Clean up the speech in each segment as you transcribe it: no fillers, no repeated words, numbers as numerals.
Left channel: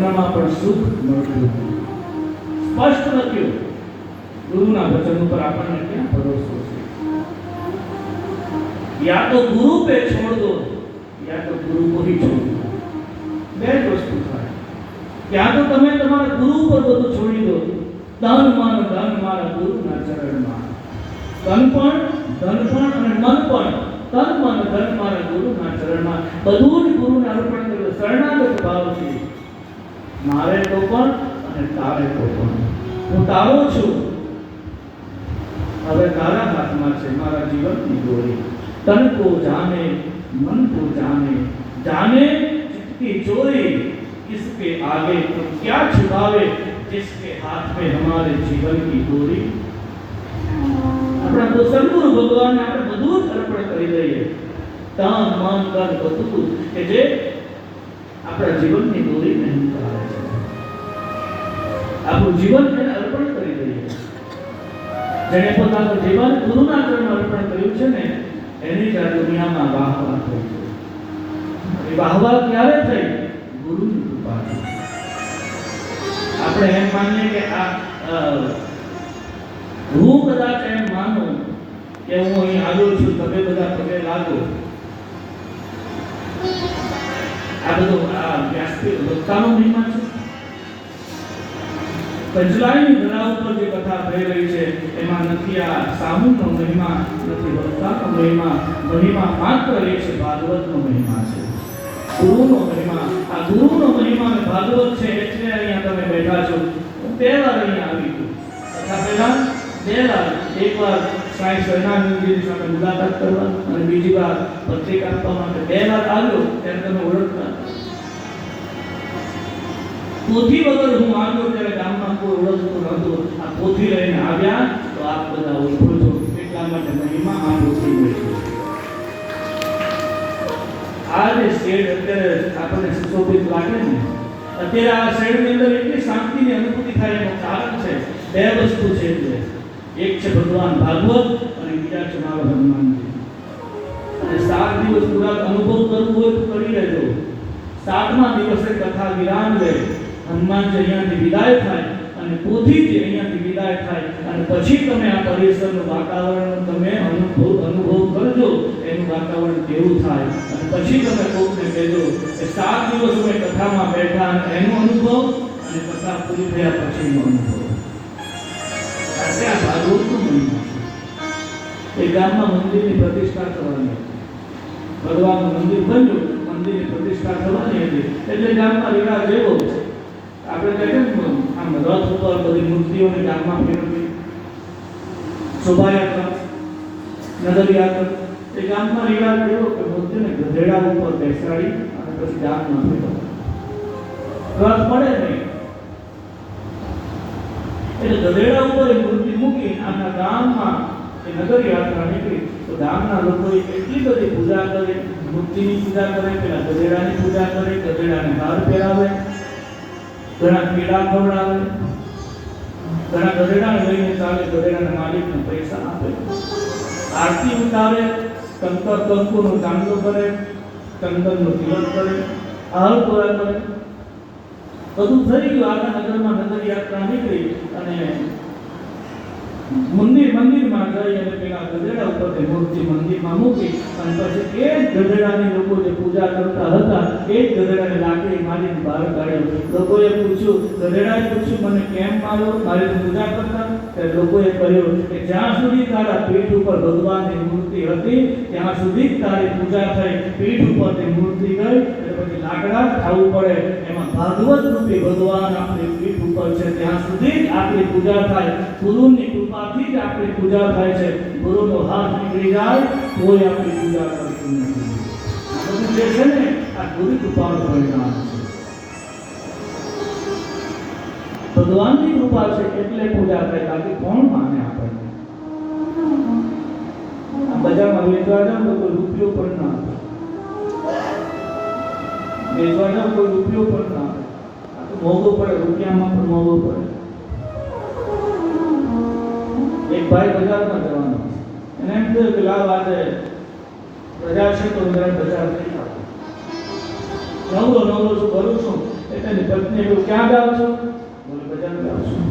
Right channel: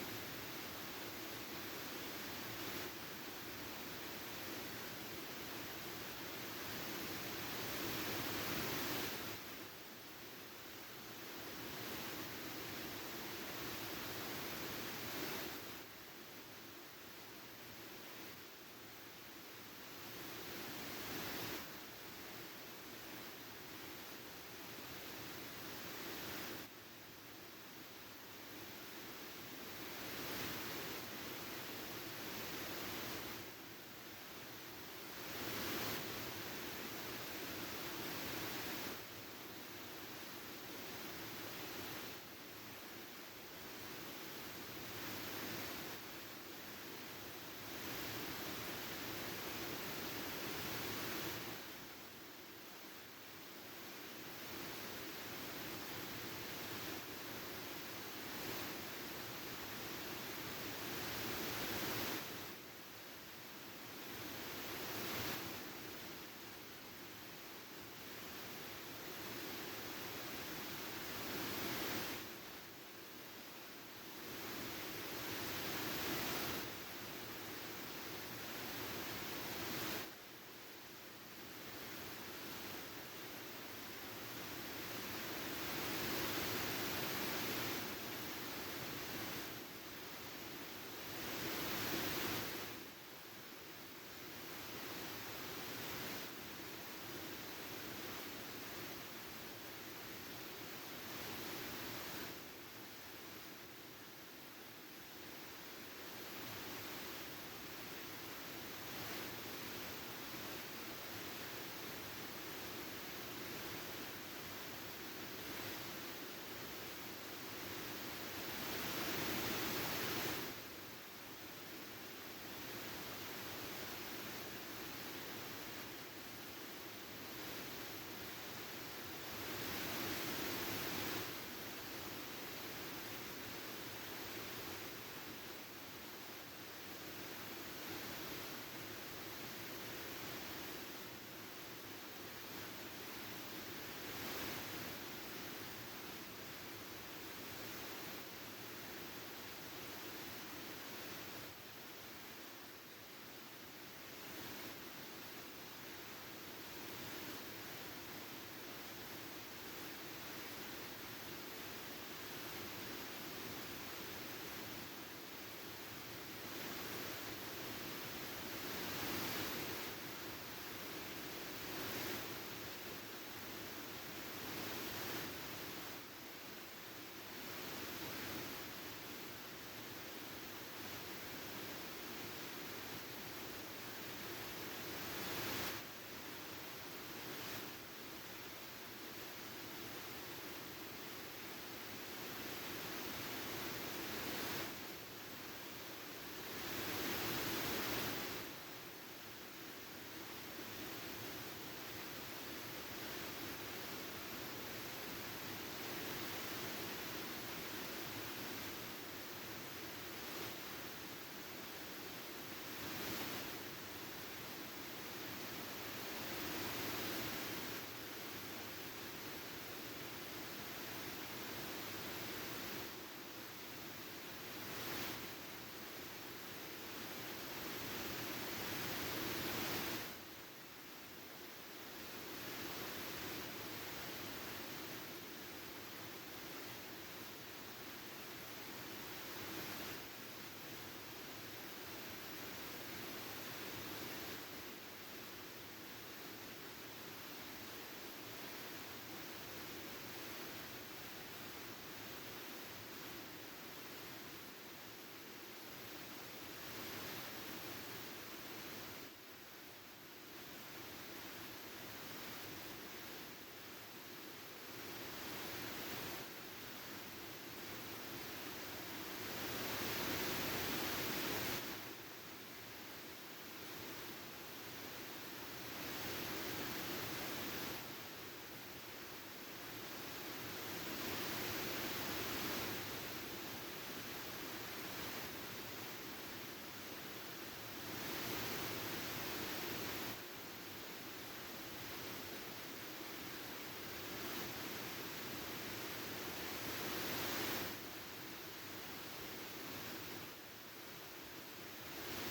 સ્વપ્નમાં પણ સુખ મળતું હતું. સ્પષ્ટ લખ્યું. ગુરુના વચન ઉપર આપણને ક્યાં ભરોસો છે? યા તો ગુરુ पे छोड़ दो या तो गुरु को ही छोड़ दो. બે જ વસ્તુ થાય. યા તો તમે તમારા ગુરુ પર બધું છોડી દો, ધન મારા ગુરુના ચરણમાં. ધન પણ અને મન પણ, તન મન ધન મારા ગુરુના ચરણમાં. બધું જ ગુરુને અર્પણ કર્યું. શરણાગત ભાવ છે. મારે તો પણ અને તારે તો પણ. હું તારો છું. હવે તારા હાથમાં છે મારા જીવનની દોરી. तन को जाने मन को जाने, जाने चित्त की चोरी. किसके आगे तुम क्या छुपावे, जिसके हाथ में हमारे जीवन की डोरी. अपना तो सद्गुरु भगवान ने આપણે બધું જ અર્પણ કરી દઈએ. તન મન ધન બધું કે જે આપણા જીવનની દોરી નહીં કરે છે. આપણું જીવન એને અર્પણ કરી દઈએ. જેણે પોતાનું જીવન ગુરુના ચરણમાં અર્પણ કર્યું છે ને, એની જ આ દુનિયામાં વાહવા થઈ. એ વાહવા ક્યારે થઈ? ગુરુની કૃપાથી. આપણે એમ માનીએ કે હું કદાચ એમ માનું કે હું અહીં આવ્યો છું, તમે બધા પગે લાગો. આ બધું વ્યાસપીઠ વક્તાનો મહિમા છે. પંચલાઈની ધરા ઉપર જે કથા થઈ રહી છે એમાં નથી આ સામૂહનો મહિમા, નથી વક્તાનો મહિમા. મહિમા માત્ર એ છે ભાગવતનો મહિમા છે, ગુરુનો મહિમા. આ ગુરુનો મહિમા અને ભાગવત છે એટલે અહીંયા તમે બેઠા છો. હું બે વાર અહીંયા આવી છું. કથા પહેલા બે વાર, એકવાર સાંઈ શરણાનંદજીની સાથે મુલાકાત કરવા અને બીજી વાર પત્રિકા આપવા માટે બે વાર આવ્યો. ત્યારે તમે ઓળખતા પોથી વગર હું આવ્યો ત્યારે ગામમાં કોઈ ઓળખતું નહોતું. આ પોથી લઈને આવ્યા તો આપ બધા ઓળખો છો. એટલા માટે મહિમા આ પોથી હોય છે. આ જે શેડ અત્યારે આપણને સુશોભિત લાગે ને, અત્યારે આ શેડની અંદર એટલી શાંતિની અનુભૂતિ થાય એનું કારણ છે બે વસ્તુ છે. એક છે ભગવાન ભાગવત અને બીજા છે મારો હનુમાનજી. અને 7 દિવસ પૂરા અનુભવ કરવું હોય તો કરી લેજો. 7મા દિવસે કથા વિરામ લે. હનુમાનજી અહીંયાથી વિદાય થાય અને પોથીજી અહીંયાથી વિદાય થાય અને પછી તમે આ પરિસરનું વાતાવરણ તમે અનુભવ કરજો. એનું વાતાવરણ કેવું થાય અને પછી તમે કોકને કહેજો કે 7 દિવસ અમે કથામાં બેઠા અને એનો અનુભવ અને કથા પૂરી થયા પછીનો અનુભવ. આ ભાગવતનું મહિમા. એ ગામમાં મંદિરની પ્રતિષ્ઠા કરવાની, ભગવાનનું મંદિર બન્યું, મંદિરની પ્રતિષ્ઠા કરવાની હતી એટલે ગામમાં રિવાજ એવો. આપણે કહીએ ને આમ રથ ઉપર બધી મૂર્તિઓને ગામમાં ફેરવી, શોભાયાત્રા, નગરયાત્રા. એ ગામમાં રિવાજ એવો કે મૂર્તિને ગધેડા ઉપર બેસાડી અને પછી ગામમાં ફેરવવા. રથ મળે નહીં એટલે ગધેડા ઉપર એ મૂર્તિ મૂકી આના ગામમાં એ નગરયાત્રા નીકળી. તો ગામના લોકોએ એટલી બધી પૂજા કરે, મૂર્તિની પૂજા કરે, પેલા ગધેડાની પૂજા કરે, ગધેડાને હાર પહેરાવે, ઘણા પીડા ખવડાવે, ઘણા ગધેડાને લઈને ચાલે, ગધેડાના માલિકને પૈસા આપે, આરતી ઉતારે, કંકુનો ચાંદલો કરે, ચંદનનો તિલક કરે, હાર પૂરા કરે. બધું થઈ ગયું. આખા નગરમાં નગરયાત્રા નીકળી અને મંદિરમાં જઈ અને પેલા ગધેડા ઉપર મૂર્તિ મંદિરમાં મૂકી અને પછી એ જ ગધેડાની લોકો જે પૂજા કરતા હતા એ જ ગધેડાને લાકડી મારીને બહાર કાઢ્યો. લોકોએ પૂછ્યું, ગધેડાએ પૂછ્યું મને કેમ માર્યો? મારી પૂજા કરતા? ત્યારે લોકોએ કહ્યું કે જ્યાં સુધી તારા પીઠ ઉપર ભગવાનની મૂર્તિ હતી ત્યાં સુધી જ તારી પૂજા થઈ. પીઠ ઉપર તે મૂર્તિ ગઈ એટલે પછી લાકડા ખાવું પડે. એમાં ભાગવત રૂપી ભગવાન આપણી પીઠ ઉપર છે ત્યાં સુધી જ આપણી પૂજા થાય. ગુરુની કૃપાથી જ આપણી પૂજા થાય છે. ગુરુનો હાથ નીકળી જાય કોઈ આપણી પૂજા કરતું નથી. આ બધું જે છે ને આ ગુરુ કૃપાનું પરિણામ છે. ભગવાનની કૃપા છે એટલે પૂજા થાય, બાકી કોણ માને આપણને? આ બજારમાં વેચવા જાવ તો કોઈ રૂપિયો પણ ના આપે, વેચવા જાવ કોઈ રૂપિયો પણ ના આપે. આ તો મોંઘું પડે, રૂપિયામાં પણ મોંઘું પડે. એક ભાઈ બજારમાં જવાનો, એને એમ થયું કે લાવ આજે રજા છે તો જરા બજાર જઈ આવું. નવરો શું કરું છું એટલે એની પત્ની એવું, ક્યાં જાઓ છો? બોલે બજાર જાઉં છું.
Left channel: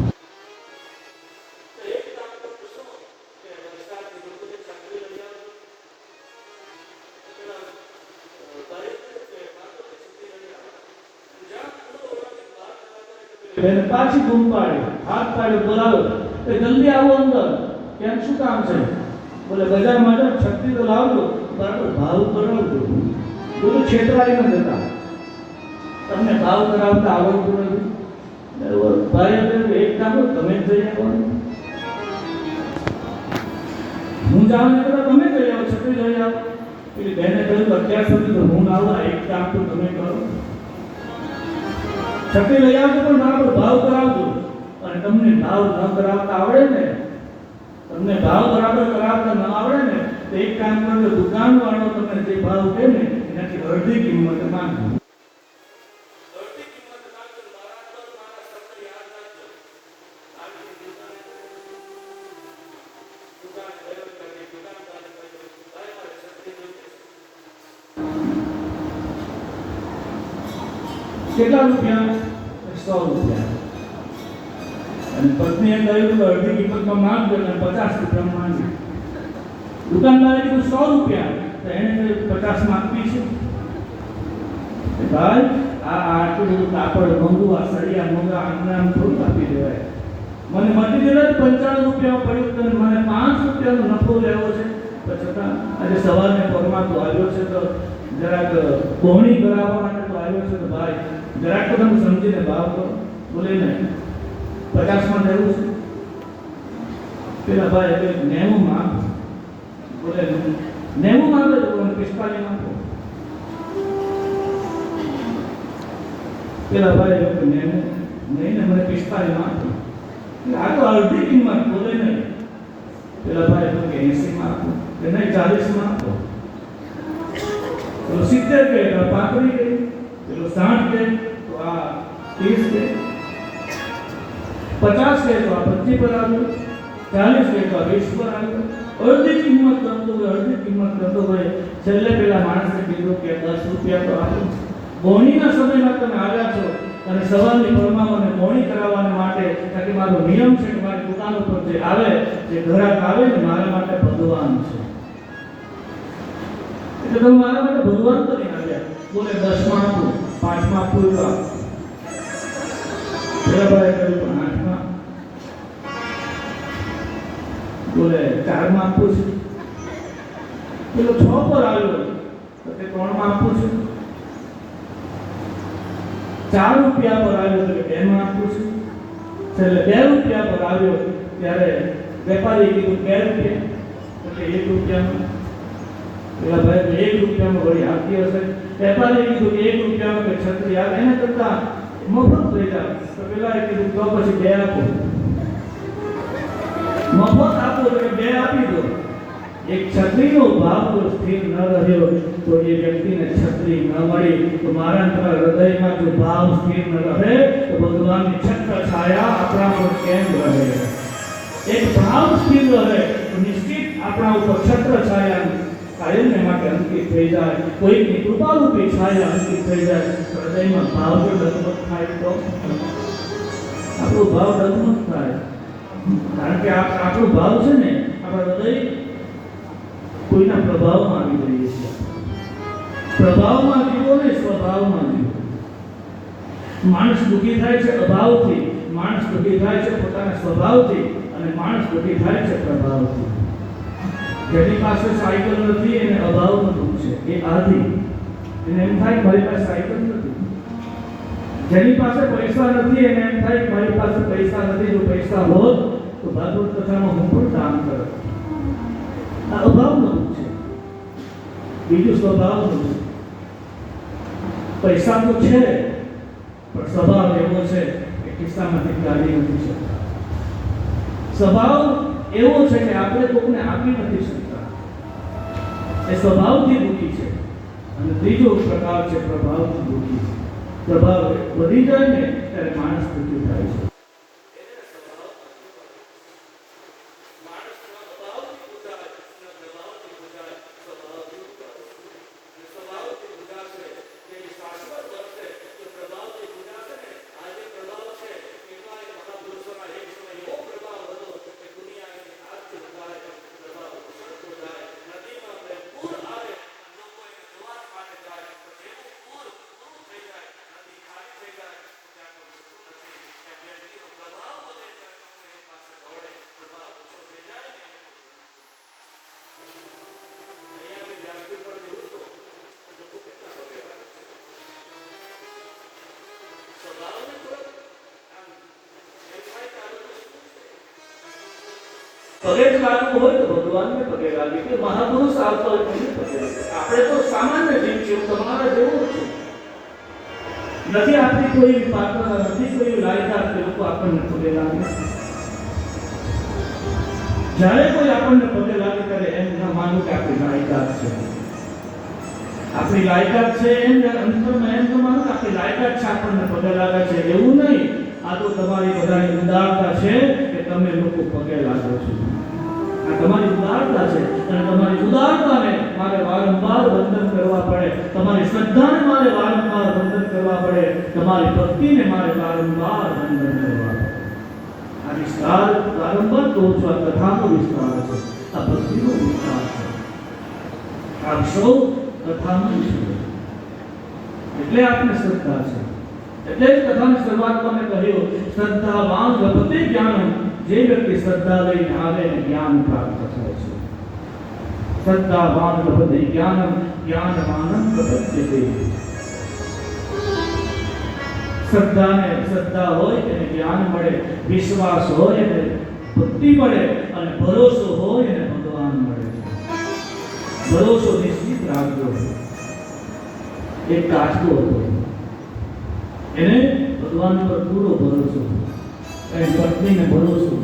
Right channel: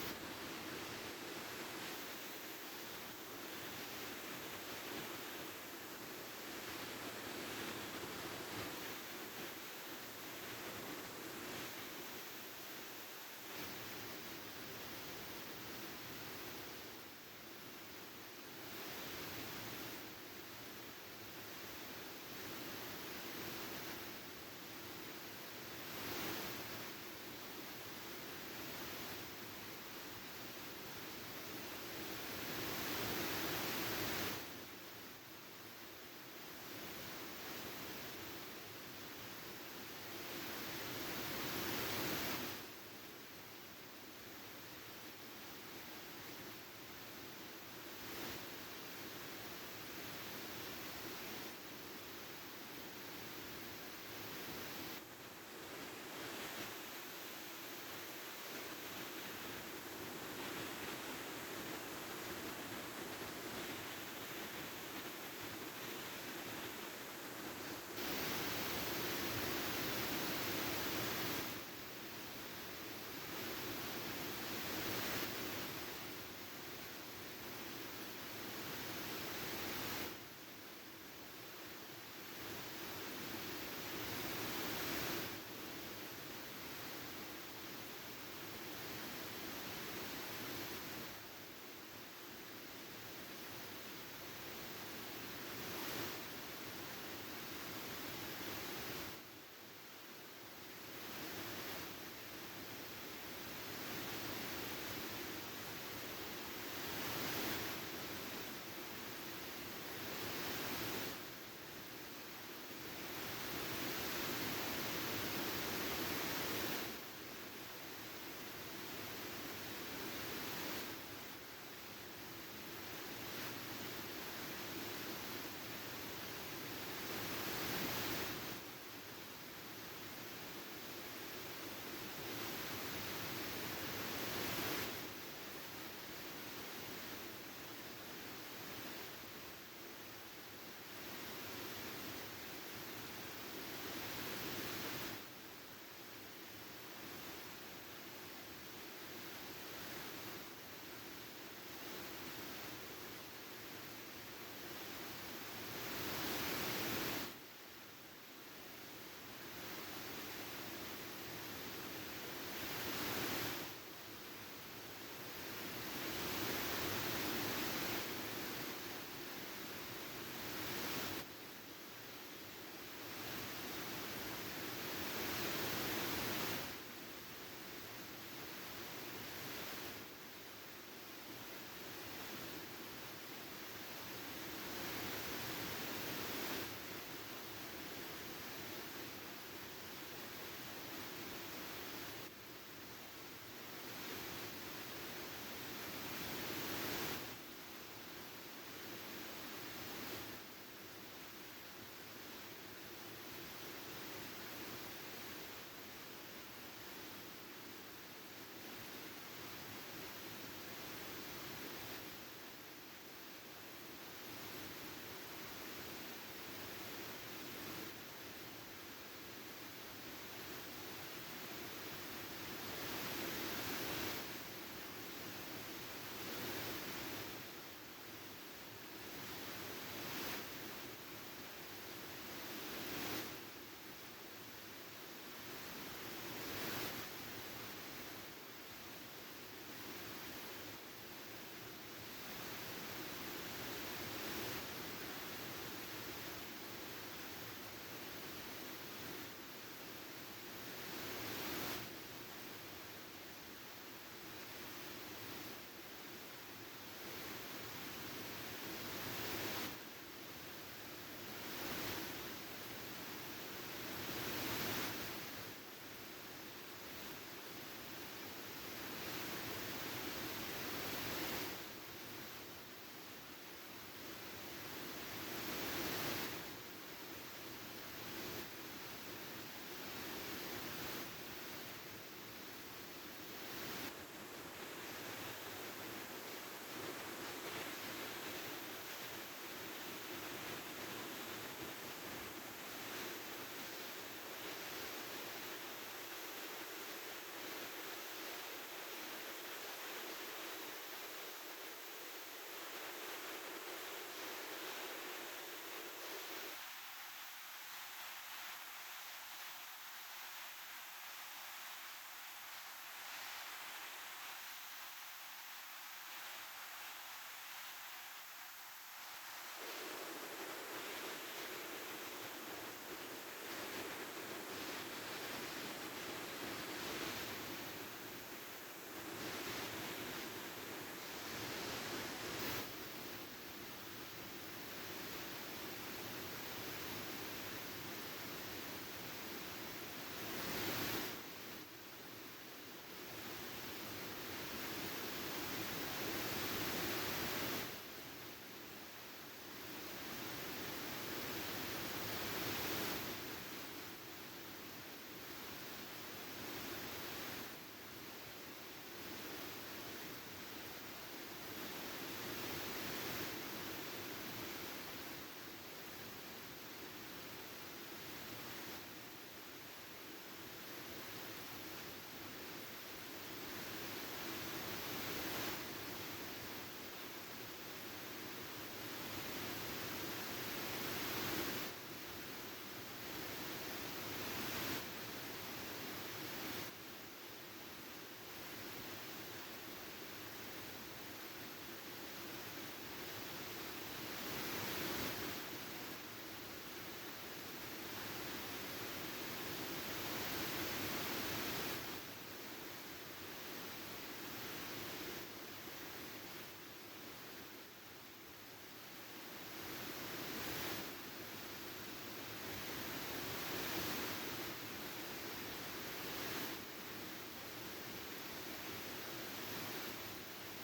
એને પાછી બૂમ પાડી, હાથ પાડ્યો, બોલાવો, કે જલ્દી આવો અંદર. કેમ, શું કામ છે? બોલે બજારમાં જાઓ, છત્રી તો લાવજો, બરાબર ભાવ કરાવજો. બધું છેતરાઈ ન જતા, તમને ભાવ કરાવતા આવડતું નથી. ભાઈ કહ્યું, એક કામ કરો, તમે જ જઈ આવવાનું. હું જાઉં ને તમે જઈ આવો, છત્રી લઈ આવો. પેલી બહેને કહ્યું, અત્યાર સુધી તો હું આવું, એક કામ તો તમે કરો, છત્રી લઈ આવજો, પણ બરાબર ભાવ કરાવજો. અને તમને ભાવ ન કરાવતા આવડે ને, તમને ભાવ બરાબર કરાવતા ન આવડે ને, તો એક કામ કરજો, દુકાનવાળો તમને જે ભાવ કહે ને એનાથી અડધી કિંમત માંગજો. કેટલા રૂપિયા? 100 રૂપિયા. અને પત્નીએ કહ્યું કે અડધી કિંમતમાં માંગજો, અને 50 રૂપિયા માંગજો. દુકાનદારે કીધું 100 રૂપિયા, તો એને કહ્યું 50 માંગવી છે. ભાઈ આટલું બધું કાપડ મોંઘું, આ સળિયા મોંઘા, આમ થોડું આપી દેવાય. મને મટીરિયલ જ 95 રૂપિયા પડ્યું, તો મને 5 રૂપિયાનો નફો લેવો છે. તો છતાં આજે સવારને પરમાં તો આવ્યો છે, તો જરાક કોહણી કરાવવા માટે તો આવ્યો છે. તો ભાઈ જરાક તો તમે સમજીને ભાવ કરો. બોલે નહીં, 50માં લેવું છે. પેલા ભાઈ 90 માં, બોલે 90 માં આવે તો મને 45 માં આપો. પેલા ભાઈ 90 નહીં ને, મને 45 માં આપો. આ તો અડધી કિંમત. બોલે નહીં. પેલા ભાઈ 80 માં આપો, કે નહીં 40 માં આપો. પેલો 70 કે 35 કે, પેલો 60 કે, તો આ 30 કે, 50 કે તો આ 25 પર આવ્યો, 40 કે તો આ 20 પર આવ્યો. અડધી કિંમત કરતો હોય, અડધી કિંમત કરતો હોય. છેલ્લે પેલા માણસે કીધું કે 10 રૂપિયા તો આપો. બોણીના સમયમાં તમે આવ્યા છો અને સવારની પરમાં મને બોણી કરાવવા માટે, કારણ કે મારો નિયમ છે કે મારી દુકાન ઉપર જે આવે, જે ગ્રાહક આવે ને, મારા માટે ભગવાન છે. એટલે તમે મારા માટે ભગવાન તો નહીં આવ્યા. બોલે 10 માં આપો, 5 માં આપો, તો આપો. પેલા ભાઈ કહ્યું 8 માં. બોલે 4 માં આપો છે. પેલો 6 પર આવ્યો, તો તે 3 માં આપો છે. 4 રૂપિયા પર આવ્યો તો 2 માં આપું છું. એટલે 2 રૂપિયા પર આવ્યો ત્યારે વેપારી કીધું 2 રૂપિયા, એટલે 1 રૂપિયામાં. પેલા ભાઈ 1 રૂપિયામાં વળી આપતી હશે. વેપારી કીધું કે 1 રૂપિયામાં કે છત્રી આવે, એને કરતા મફત થઈ જાય. તો પેલા કીધું તો પછી 2 આપો. મફત આપો એટલે 2 આપી દો. એક છત્રીનો ભાવ જો સ્થિર ન રહ્યો તો એ વ્યક્તિને છત્રી ન મળી. તો મારા હૃદયમાં જો ભાવ સ્થિર ન રહે તો ભગવાનની છત્ર છાયા આપણા પર કેમ રહે? એક ભાવ સ્થિર રહે તો નિશ્ચિત આપણા ઉપર છત્ર છાયા કાયમને માટે અંકિત થઈ જાય. કોઈની કૃપારૂપી છાયા અંકિત થઈ જાય. હૃદયમાં ભાવ જો ડગમગ થાય તો આપણો ભાવ ડગમગ થાય. કારણ કે આપણો ભાવ છે ને, આપણા હૃદય કોઈના પ્રભાવમાં આવી રહીએ છીએ. પ્રભાવમાં જીવો ને સ્વભાવમાં જીવો. માણસ દુઃખી થાય છે અભાવથી, માણસ દુઃખી થાય છે પોતાના સ્વભાવથી, અને માણસ દુઃખી થાય છે પ્રભાવથી. જેની પાસે સાયકલ નથી એને અભાવનું દુઃખ છે, એ આધી. એને એમ થાય મારી પાસે સાયકલ નથી. જેની પાસે પૈસા નથી એને એમ થાય મારી પાસે પૈસા નથી, જો પૈસા હોત તો ભાગવત કથામાં હું પણ દાન કરત. આ અભાવનું દુઃખ છે. બીજું સ્વભાવનું છે. પૈસા તો છે પણ સ્વભાવ એવો છે કે ખિસ્સામાંથી કાઢી નથી શકતા. સ્વભાવ એવો છે કે આપણે કોઈને આપી નથી શકતા. એ સ્વભાવથી દુઃખી છે. અને ત્રીજો પ્રકાર છે પ્રભાવથી દુઃખી. પ્રભાવ વધી જાય ને ત્યારે માણસ દુઃખી થાય છે. પગે જ લાગવું હોય તો ભગવાનને પગે લાગે કે મહાપુરુષ આવતો હોય તો પગે લાગે. આપણે તો સામાન્ય જીવ છીએ, તમારા જેવું જ છે. નથી આપણી કોઈ પાત્ર, નથી કોઈ લાયકાત કે લોકો આપણને પગે લાગે. જ્યારે કોઈ આપણને પગે લાગે ત્યારે એમ ના માનવું કે આપણી લાયકાત છે. આપણી લાયકાત છે એમ અંતરમાં એમ તો માનો કે આપણી લાયકાત છે, આપણને પગે લાગે છે એવું નહીં. આ તો તમારી બધાની ઉદારતા છે કે તમે લોકો પગે લાગો છો. આ તમારી ઉદારતા છે અને તમારી ઉદારતાને મારે વારંવાર વંદન કરવા પડે. તમારી શ્રદ્ધાને મારે વારંવાર વંદન કરવા પડે. તમારી ભક્તિને મારે વારંવાર વંદન કરવા પડે. આ વિસ્તાર વારંવાર તો આ કથાનો વિસ્તાર છે, આ ભક્તિનો વિસ્તાર છે. આ સૌ કથાનો વિસ્તાર એટલે આપણે શ્રદ્ધા છે. એટલે જ કથાની શરૂઆતમાં મેં કહ્યું શ્રદ્ધાવાન લભતે જ્ઞાનમ. જે વ્યક્તિ શ્રદ્ધા લઈને આવે જ્ઞાન પ્રાપ્ત થાય છે. શ્રદ્ધાવાન લભતે જ્ઞાનમ જ્ઞાનવાનં પ્રપદ્યતે. શ્રદ્ધા હોય એને જ્ઞાન મળે, વિશ્વાસ હોય એને ભક્તિ મળે અને ભરોસો હોય એને ભગવાન મળે. ભરોસો નિશ્ચિત રાખજો. એક કાચબો હતો, એને ભગવાન પર પૂરો ભરોસો. એની પત્નીને ભરોસો.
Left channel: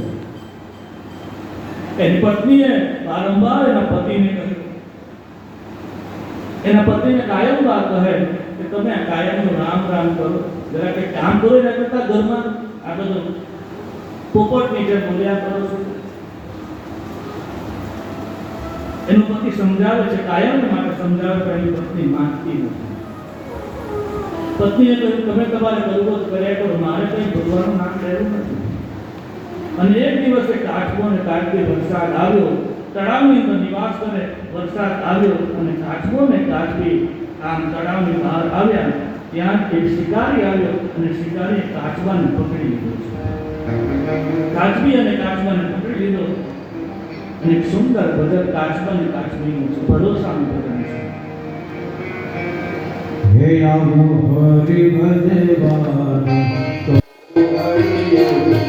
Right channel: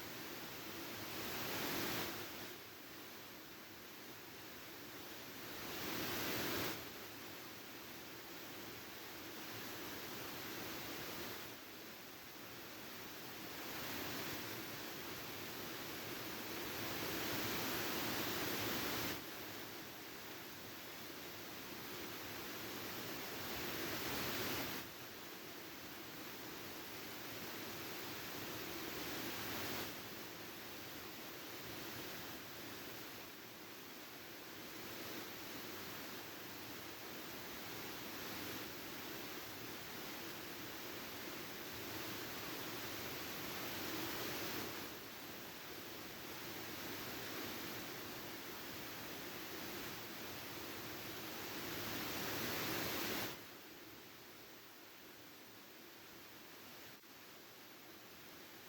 એની પત્નીએ વારંવાર એના પતિને કહ્યું, એના પતિને કાયમવાર કહે કે તમે આ કાયમનું રામ રામ કરો, જરા કંઈક કામ કરો. એના કરતા ઘરમાં આ બધું પોપટની જેમ બોલ્યા કરો છો. એનો પતિ સમજાવે છે, કાયમ માટે સમજાવે કે એની પત્ની માનતી નથી. પત્નીએ કહ્યું તમે તમારે કરવું કર્યા કરો, મારે કંઈ ભગવાનનું નામ લેવું નથી. અને એક દિવસ એક કાચબો અને કાચબી વરસાદ આવ્યો. તળાવની અંદર નિવાસ કરે વરસાદ આવ્યો અને કાચબો ને કાચબી આમ તળાવની બહાર આવ્યા. ત્યાં એક શિકારી આવ્યો અને શિકારીએ કાચબાને પકડી લીધો. કાચબી અને કાચબાને પકડી લીધો અને એક સુંદર ભજન કાચબા અને કાચબીનું છે, ભરોસાનું ભજન છે. હે આવો હરિ ભજવાનો તો હરિયો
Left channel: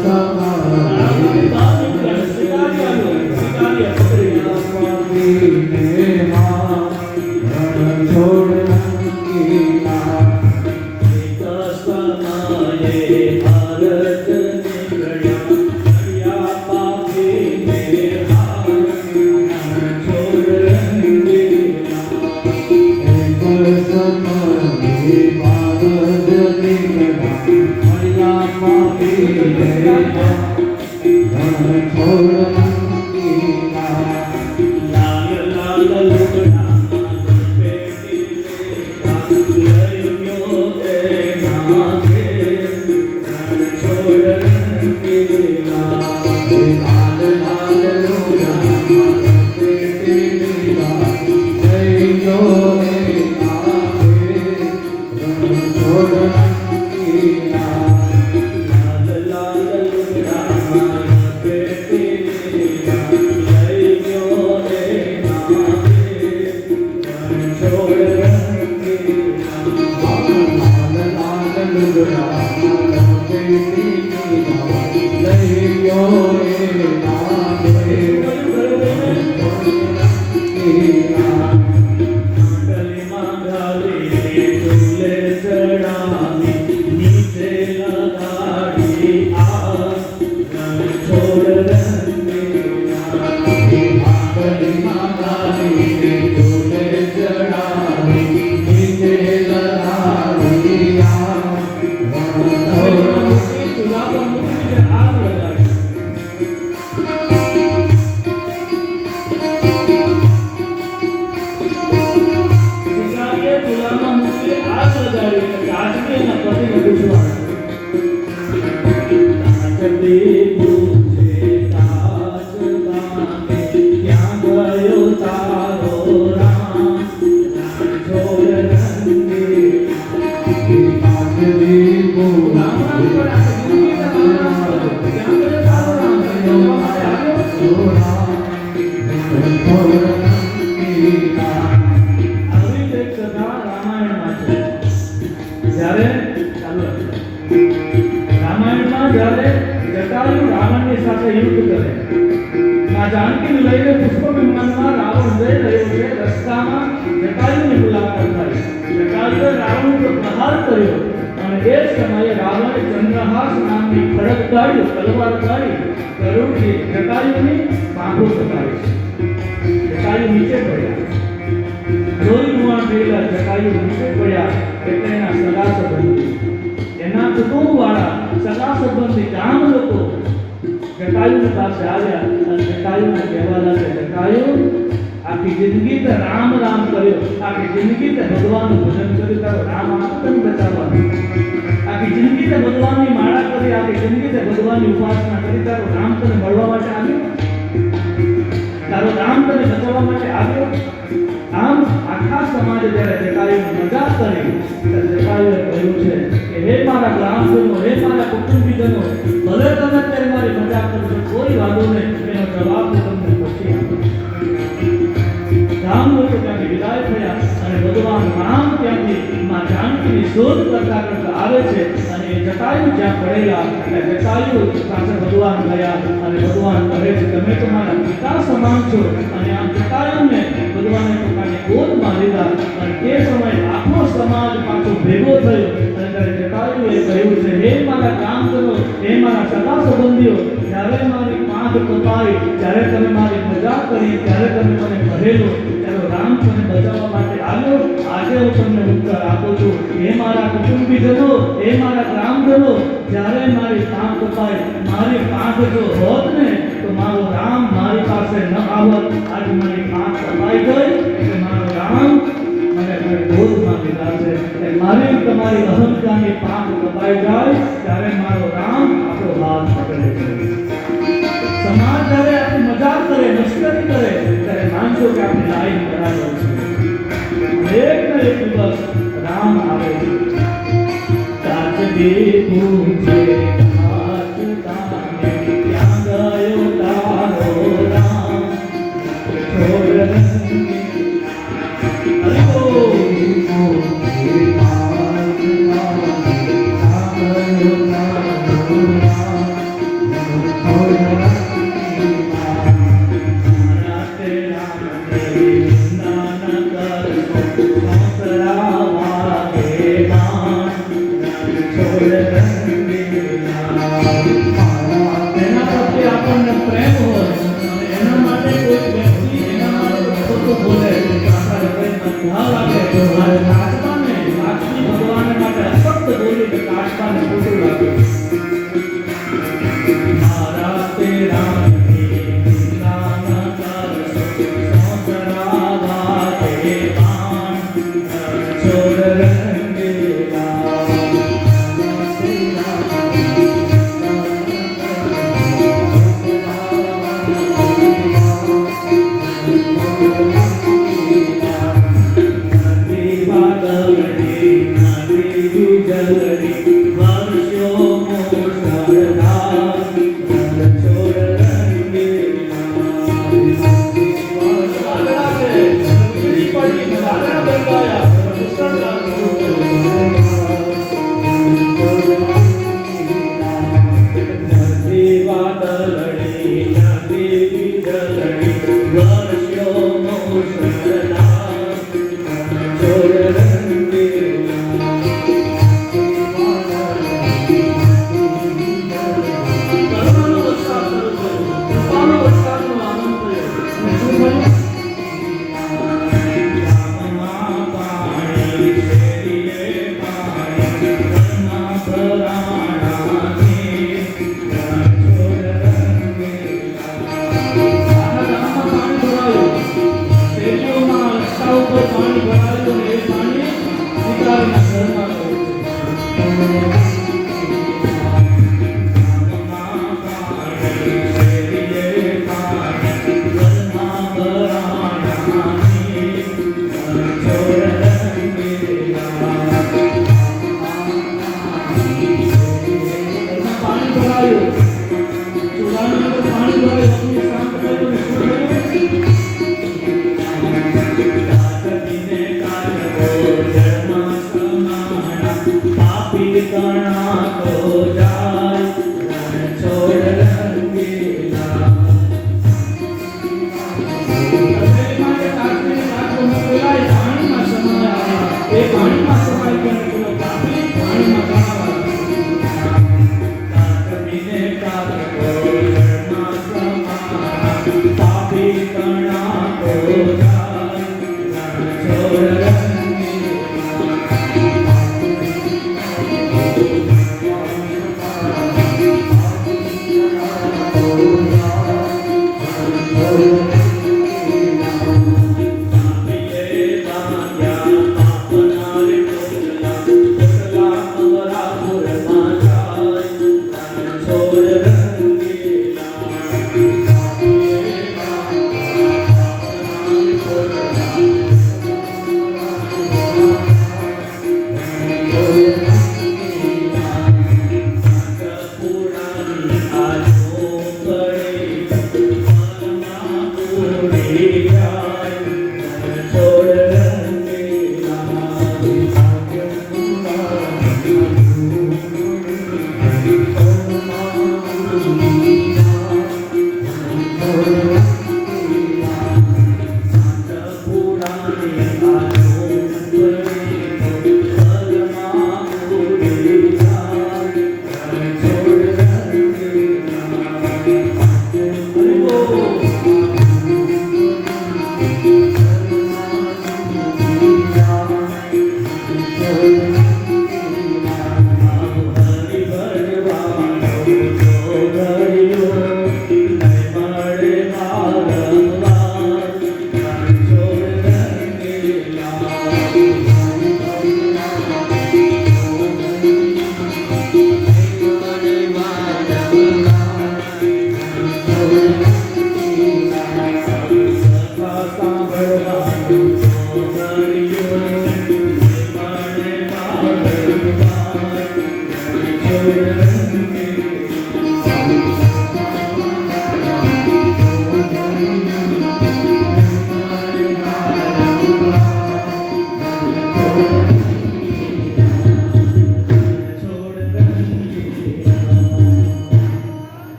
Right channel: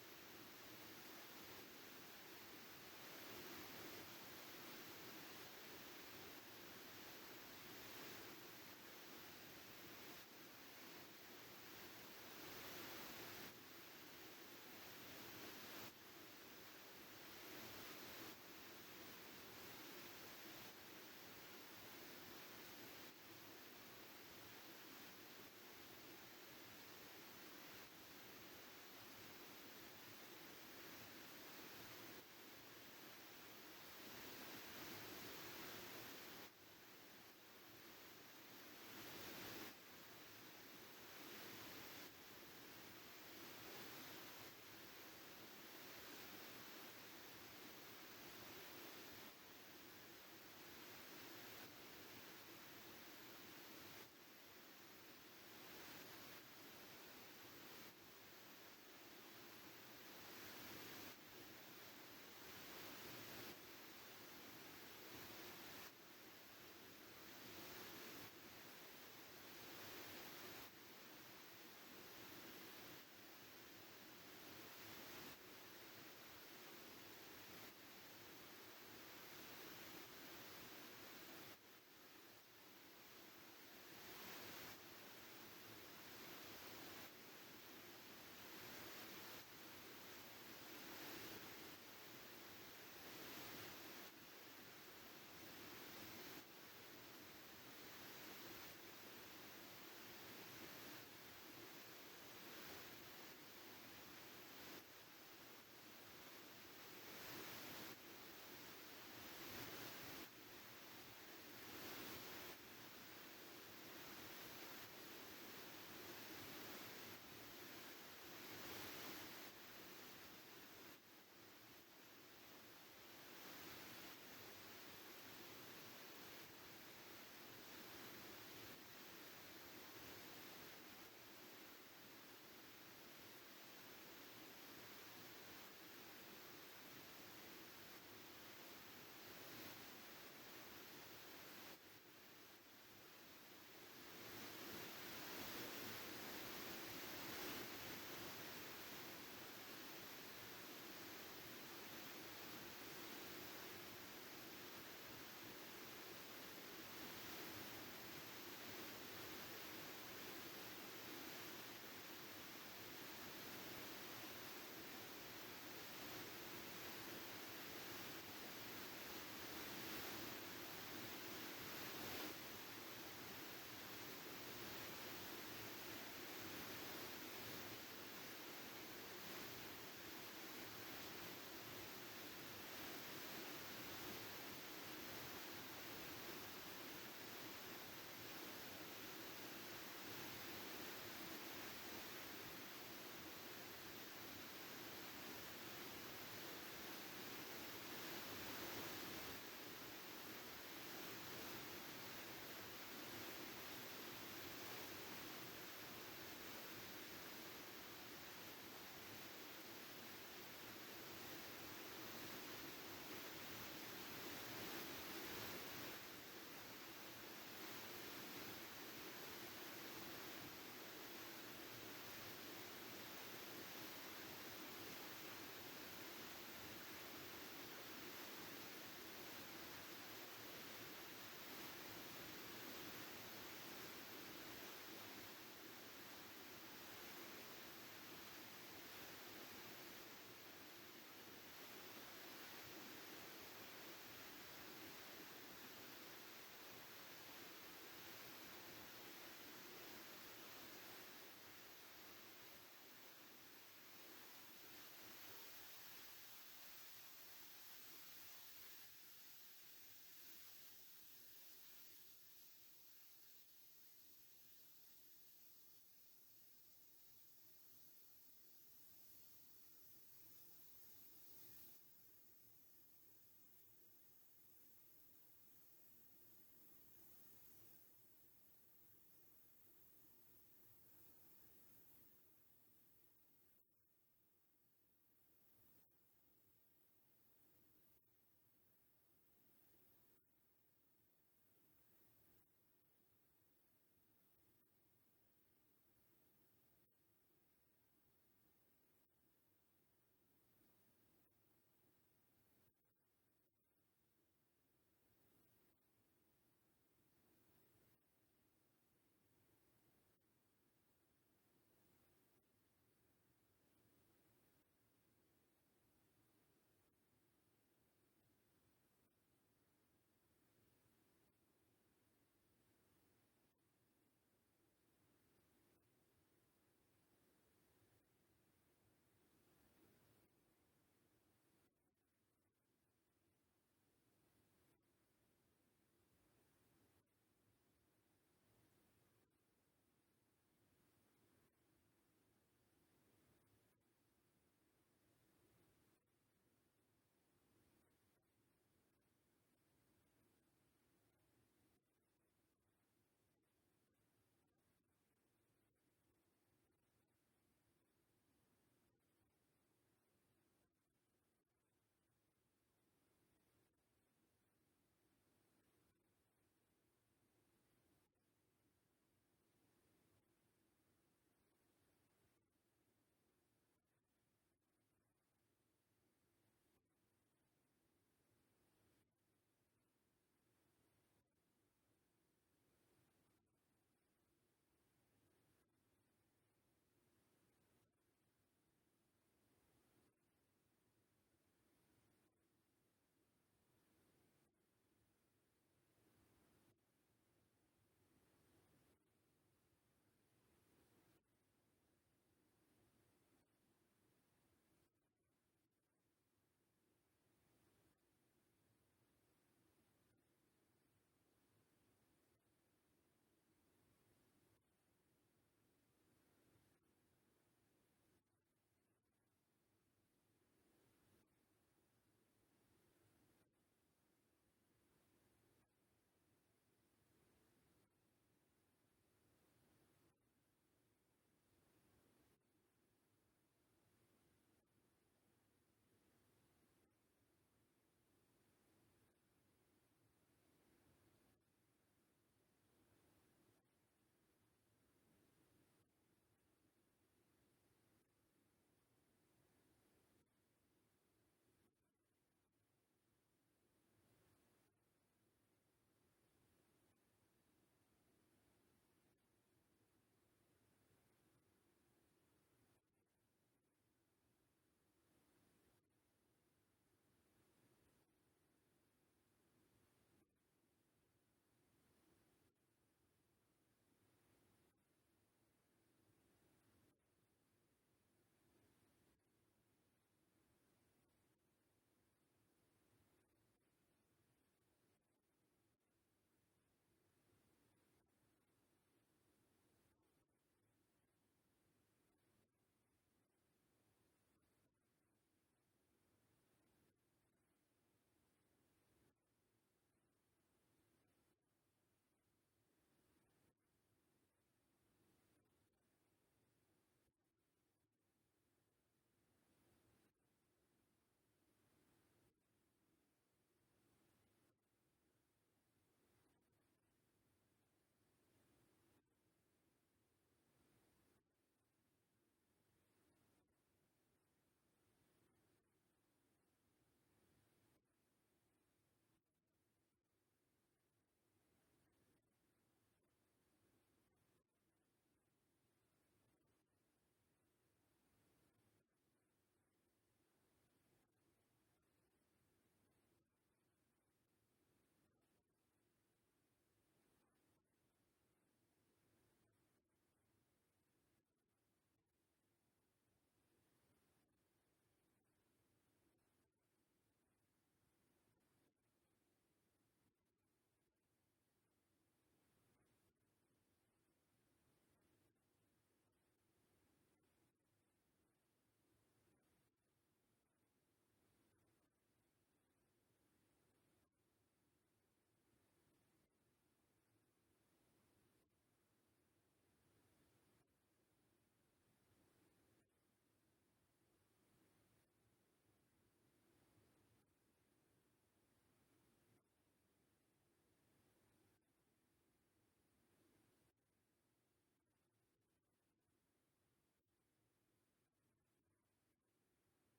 Sorry. મંડલીમાં ગાલી તુલે ચડાવી નીચે લગાડી આ છોડ રામાયણમાં જ્યારે જટાયુ રાવણની સાથે યુદ્ધ કરે, માં જાનકીને લઈને પુષ્પ વિમાનમાં રાવણ જઈ રહ્યો છે. રસ્તામાં જટાયુની મુલાકાત થઈ. જટાયુએ રાવણ ઉપર પ્રહાર કર્યો અને એ જ સમયે રાવણે ચંદ્રહાસ નામની ખડક કાઢી, તલવાર કાઢી ગરુડથી જટાયુની પાંખો કપાવી છે. જટાયુ નીચે પડ્યા, લોહી લુહાણ થયેલા જટાયુ નીચે પડ્યા એટલે એના સગા સંબંધી, એના કુટુંબવાળા સગા સંબંધી ગામ લોકો જટાયુની પાસે આવ્યા અને જટાયુને કહેવા લાગ્યા, જટાયુ આખી જિંદગી તે રામ રામ કર્યો, આખી જિંદગી તે ભગવાનનું ભજન કર્યું, તારો રામ આત્મ બચાવવાનો, આખી જિંદગી તે ભગવાનની માળા કરી, આખી જિંદગી તે ભગવાનની ઉપાસના કરી, તારો રામ તને મળવા માટે આવ્યો, તારો રામ તને બચાવવા માટે આવ્યો. આમ આખા સમાજે જ્યારે જટાયુની મજાક કરી ત્યારે જટાયુએ કહ્યું છે કે હે મારા ગ્રામજનો, હે મારા કુટુંબીજનો, ભલે તમે ત્યારે મારી મજાક કરશો, કોઈ વાંધો નહીં, એનો જવાબ હું તમને પછી આપીશ. ગામ લોકો ત્યાંથી વિદાય થયા અને ભગવાન રામ ત્યાંથી માં જાનકીની શોધ કરતા કરતા આવે છે અને એ જટાયુ જ્યાં પડેલા એટલે જટાયુ પાસે ભગવાન ગયા અને ભગવાન કહે છે તમે તો મારા પિતા સમાન છો. અને આ જટાયુને ભગવાને પોતાની ગોદમાં લીધા અને તે સમયે આખો સમાજ પાછો ભેગો થયો અને ત્યારે જટાયુએ કહ્યું છે હે મારા ગ્રામજનો, હે મારા સગા સંબંધીઓ, જ્યારે મારી પાંખ કપાઈ, જ્યારે તમે મારી મજાક કરી, ત્યારે તમે મને કહેલો ત્યારે રામ તને બચાવવા માટે આવ્યો. આજે હું તમને ઉત્તર આપું છું, હે મારા કુટુંબીજનો, હે મારા ગ્રામજનો, જ્યારે મારી પાંખ કપાઈ, મારી પાંખ જો હોત ને તો મારો રામ મારી પાસે ન આવત. આજે મારી પાંખ કપાઈ ગઈ એટલે મારો રામ મને ગોદમાં લીધા છે. એટલે મારી તમારી અહંકારની પાંખ કપાઈ જાય ત્યારે મારો રામ આપણો હાથ પકડે છે. સમાજ જ્યારે આપણી મજાક કરે, મસ્કરી કરે ત્યારે માનજો કે આપણી લાઈન બરાબર છે. એક ને એક દિવસ રામ આવે છે. તાજગી પૂછે હાથ તાને, ક્યાં ગયો તારો રામ, છોડ રંગી Thank you.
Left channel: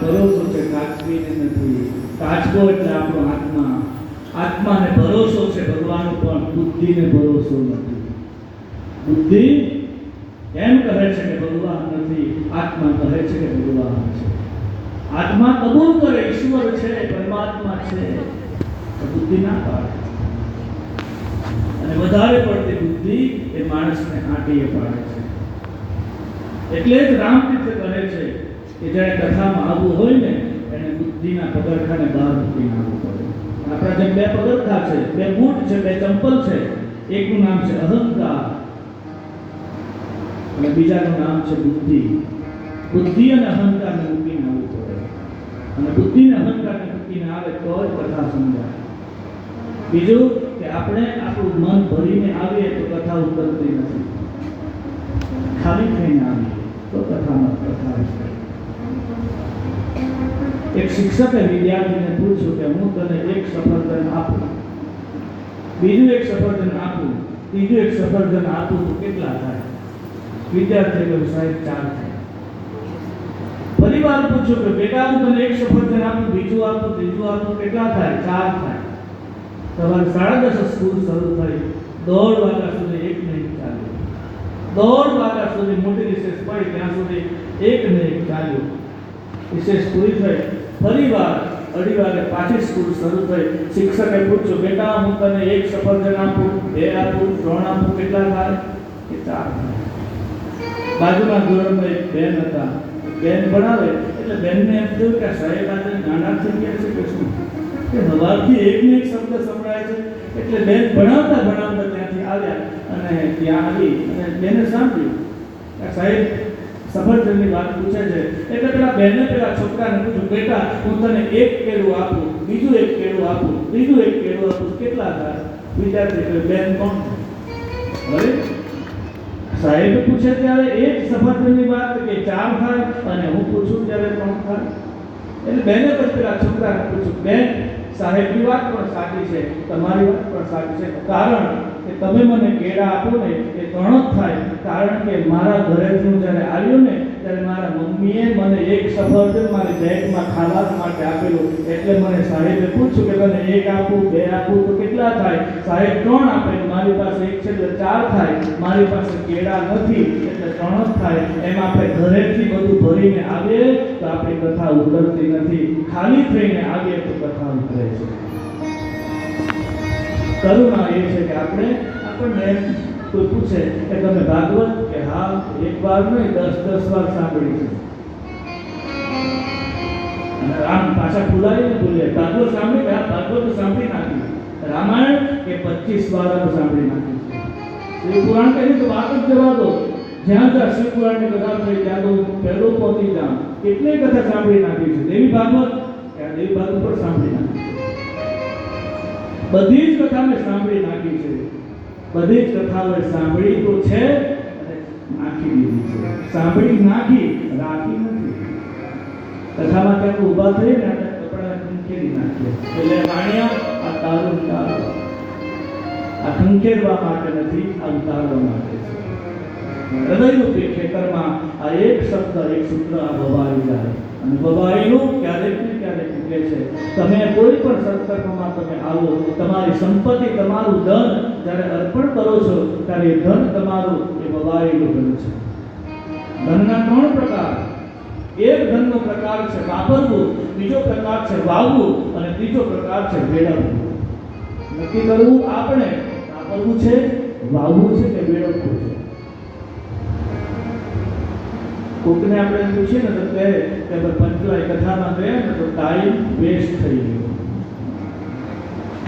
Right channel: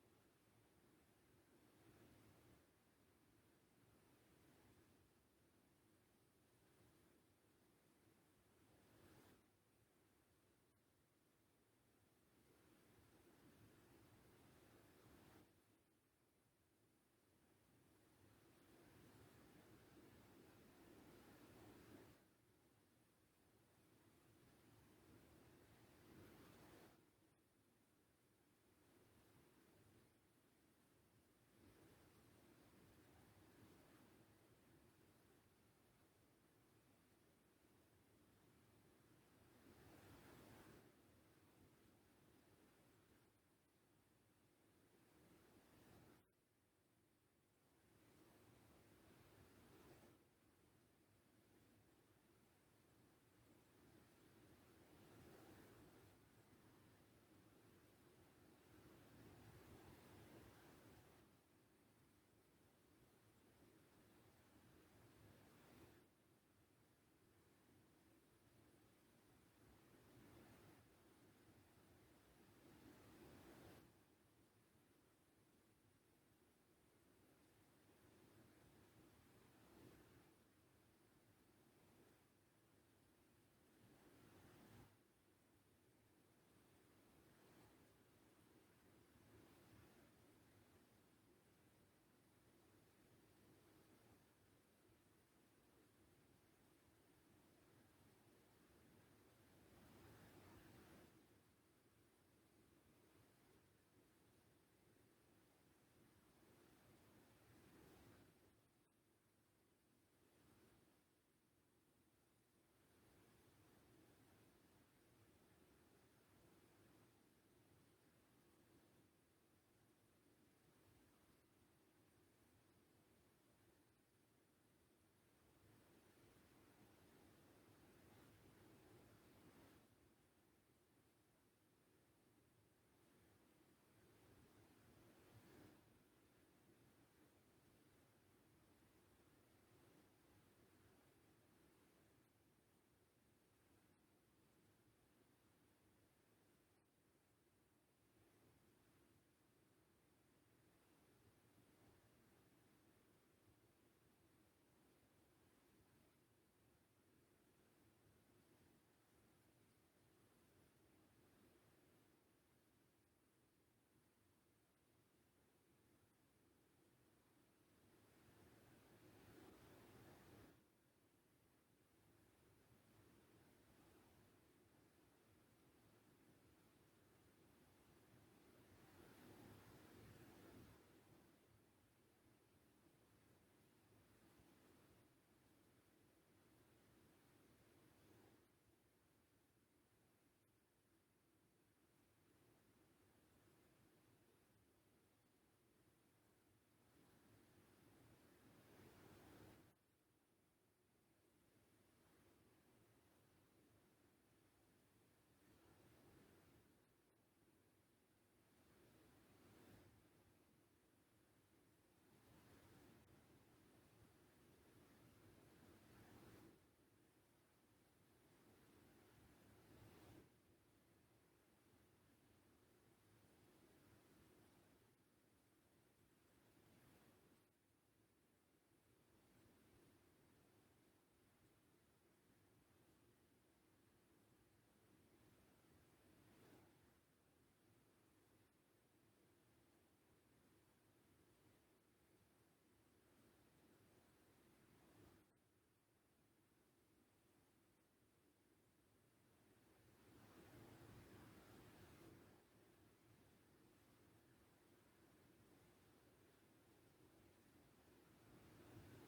ભરોસો છે, કાચબીને નથી. કાચબો એટલે આપણો આત્મા. આત્માને ભરોસો છે ભગવાન ઉપર, બુદ્ધિને ભરોસો નથી. બુદ્ધિ એમ કહે છે કે ભગવાન નથી, આત્મા કહે છે કે ભગવાન છે. આત્મા કબૂલ કરે ઈશ્વર છે, પરમાત્મા છે, તો બુદ્ધિ ના પાડે. અને વધારે પડતી બુદ્ધિ એ માણસને આંટીએ પાડે છે. એટલે જ રામતીર્થ કહે છે કે જ્યારે કથામાં આવવું હોય ને એને બુદ્ધિના પગરખાને બહાર મૂકીને આવવું પડે. આપણા જેમ બે પગરખા છે, બે બૂટ છે, બે ચંપલ છે. એકનું નામ છે અહંકાર અને બીજાનું નામ છે બુદ્ધિ. બુદ્ધિ અને અહંકારને મૂકીને આવવું પડે. અને બુદ્ધિ અને અહંકારને મૂકીને આવે તો જ કથા સમજાય. બીજું કે આપણે આપણું મન ભરીને આવીએ તો કથા ઉતરતી નથી. ખાલી થઈને આવીએ તો કથામાં કથા છે. એક શિક્ષકે વિદ્યાર્થીને પૂછ્યું કે હું તને એક સફરજન આપું, બીજું એક સફરજન આપું, ત્રીજું એક સફરજન આપું તો કેટલા થાય? વિદ્યાર્થીએ કહ્યું સાહેબ 4 થાય. ફરી વાર પૂછ્યું કે બેટા હું તને એક સફરજન આપું, બીજું આપું, ત્રીજું આપું, કેટલા થાય? 4 થાય. સવારે 10:30 સ્કૂલ શરૂ થઈ. 1:30 વાગ્યા સુધી 1 મિનિટ ચાલ્યું. 1:30 વાગ્યા સુધી મોટી રિસેસ પડી, ત્યાં સુધી 1 મિનિટ ચાલ્યું. રિસેસ પૂરી થઈ. ફરી વાર 2:30 વાગે પાછી સ્કૂલ શરૂ થઈ. શિક્ષકે પૂછ્યું બેટા હું તને એક સફરજન આપું, 2 આપું, 3 આપું, કેટલા થાય? કે 4 થાય. બાજુના ધોરણમાં એક બેન હતા. બેન ભણાવે એટલે બેનને એમ થયું કે સાહેબ આજે નાના થઈ ગયા છે કે શું, કે સવારથી એકને એક શબ્દ સંભળાય છે. એટલે બેન ભણાવતા ભણાવતા ત્યાંથી આવ્યા અને ત્યાં આવી અને બેને સાંભળ્યું કે સાહેબ સફરજનની વાત પૂછે છે. એટલે પેલા બેને પેલા છોકરાને પૂછ્યું બેટા હું તને એક કેળું આપું, બીજું એક કેળું આપું, ત્રીજું એક કેળું આપું, કેટલા થાય? વિચારતી કે બેન કોણ? હવે સાહેબ પૂછે ત્યારે એક સફરજનની વાત કે 4 થાય અને હું પૂછું ત્યારે 3 થાય. એટલે બેને પછી પેલા છોકરાને પૂછ્યું બેન સાહેબની વાત પણ સાચી છે, તમારી વાત પણ સાચી છે, કારણ કે તમે મને કેળા આપો ને એ 3 જ થાય. કારણ કે મારા ઘરેથી હું જ્યારે આવ્યો ને ત્યારે મારા મમ્મીએ મને એક સફરજન મારી બેગમાં ખાવા માટે આપેલું. એટલે મને સાહેબે પૂછ્યું કે તને 1 આપું, 2 આપું તો કેટલા થાય? સાહેબ 3 આપે, મારી પાસે 1 છે એટલે 4 થાય. મારી પાસે કેળા નથી એટલે 3 જ થાય. એમ આપણે ઘરેથી બધું ભરીને આવીએ તો આપણી કથા ઉતરતી નથી. ખાલી થઈને આવીએ તો કથા ઉતરે છે. કરુણા એ છે કે આપણને કોઈ પૂછે કે તમે ભાગવત, કે હા 1 વાર નહીં 10 વાર સાંભળી છે. અને આમ પાછા ભૂલાઈને બોલે ભાગવત સાંભળી કે હા ભાગવત સાંભળી નાખી. રામાયણ કે 25 વાર સાંભળી નાખી છે. શિવ પુરાણ કહે તો વાત જ જવા દો. જ્યાં જ્યાં શિવ પુરાણની કથા થઈ ત્યાં તો પહેલો પહોંચી જાઉં. કેટલી કથા સાંભળી નાખી છે. દેવી ભાગવત કે દેવી ભાગવત પણ સાંભળી નાખી છે. બધી જ કથા મેં સાંભળી નાખી છે. બધી જ કથાઓ સાંભળી તો છે અને નાખી દીધી છે. સાંભળી નાખી, રાખી નથી. કથામાં ત્યાં ઊભા થઈ ને આપણે કપડા ખંખેરી નાખીએ એટલે વાણિયા આ તારું ઉતારો. આ ખંખેરવા માટે નથી, આ ઉતારવા માટે છે. હૃદયરૂપી ખેતરમાં આ એક શબ્દ એક સૂત્ર આ વવાઈ જાય અને વવાયેલું ક્યારેક ને ક્યારેક ઉગે છે. તમે કોઈ પણ સંકલ્પમાં તમે આવો, તમારી સંપત્તિ, તમારું ધન જ્યારે અર્પણ કરો છો ત્યારે એ ધન તમારું એ વવાયેલું ધન છે. ધનના 3 પ્રકાર. એક ધનનો પ્રકાર છે વાપરવું, બીજો પ્રકાર છે વાવવું અને ત્રીજો પ્રકાર છે વેડવવું. નક્કી કરવું આપણે વાપરવું છે, વાવવું છે કે વેડવવું છે. કોકને આપણે પૂછીએ ને તો કહે કે પંચવાય કથામાં ગયા ને તો ટાઈમ વેસ્ટ થઈ ગયો.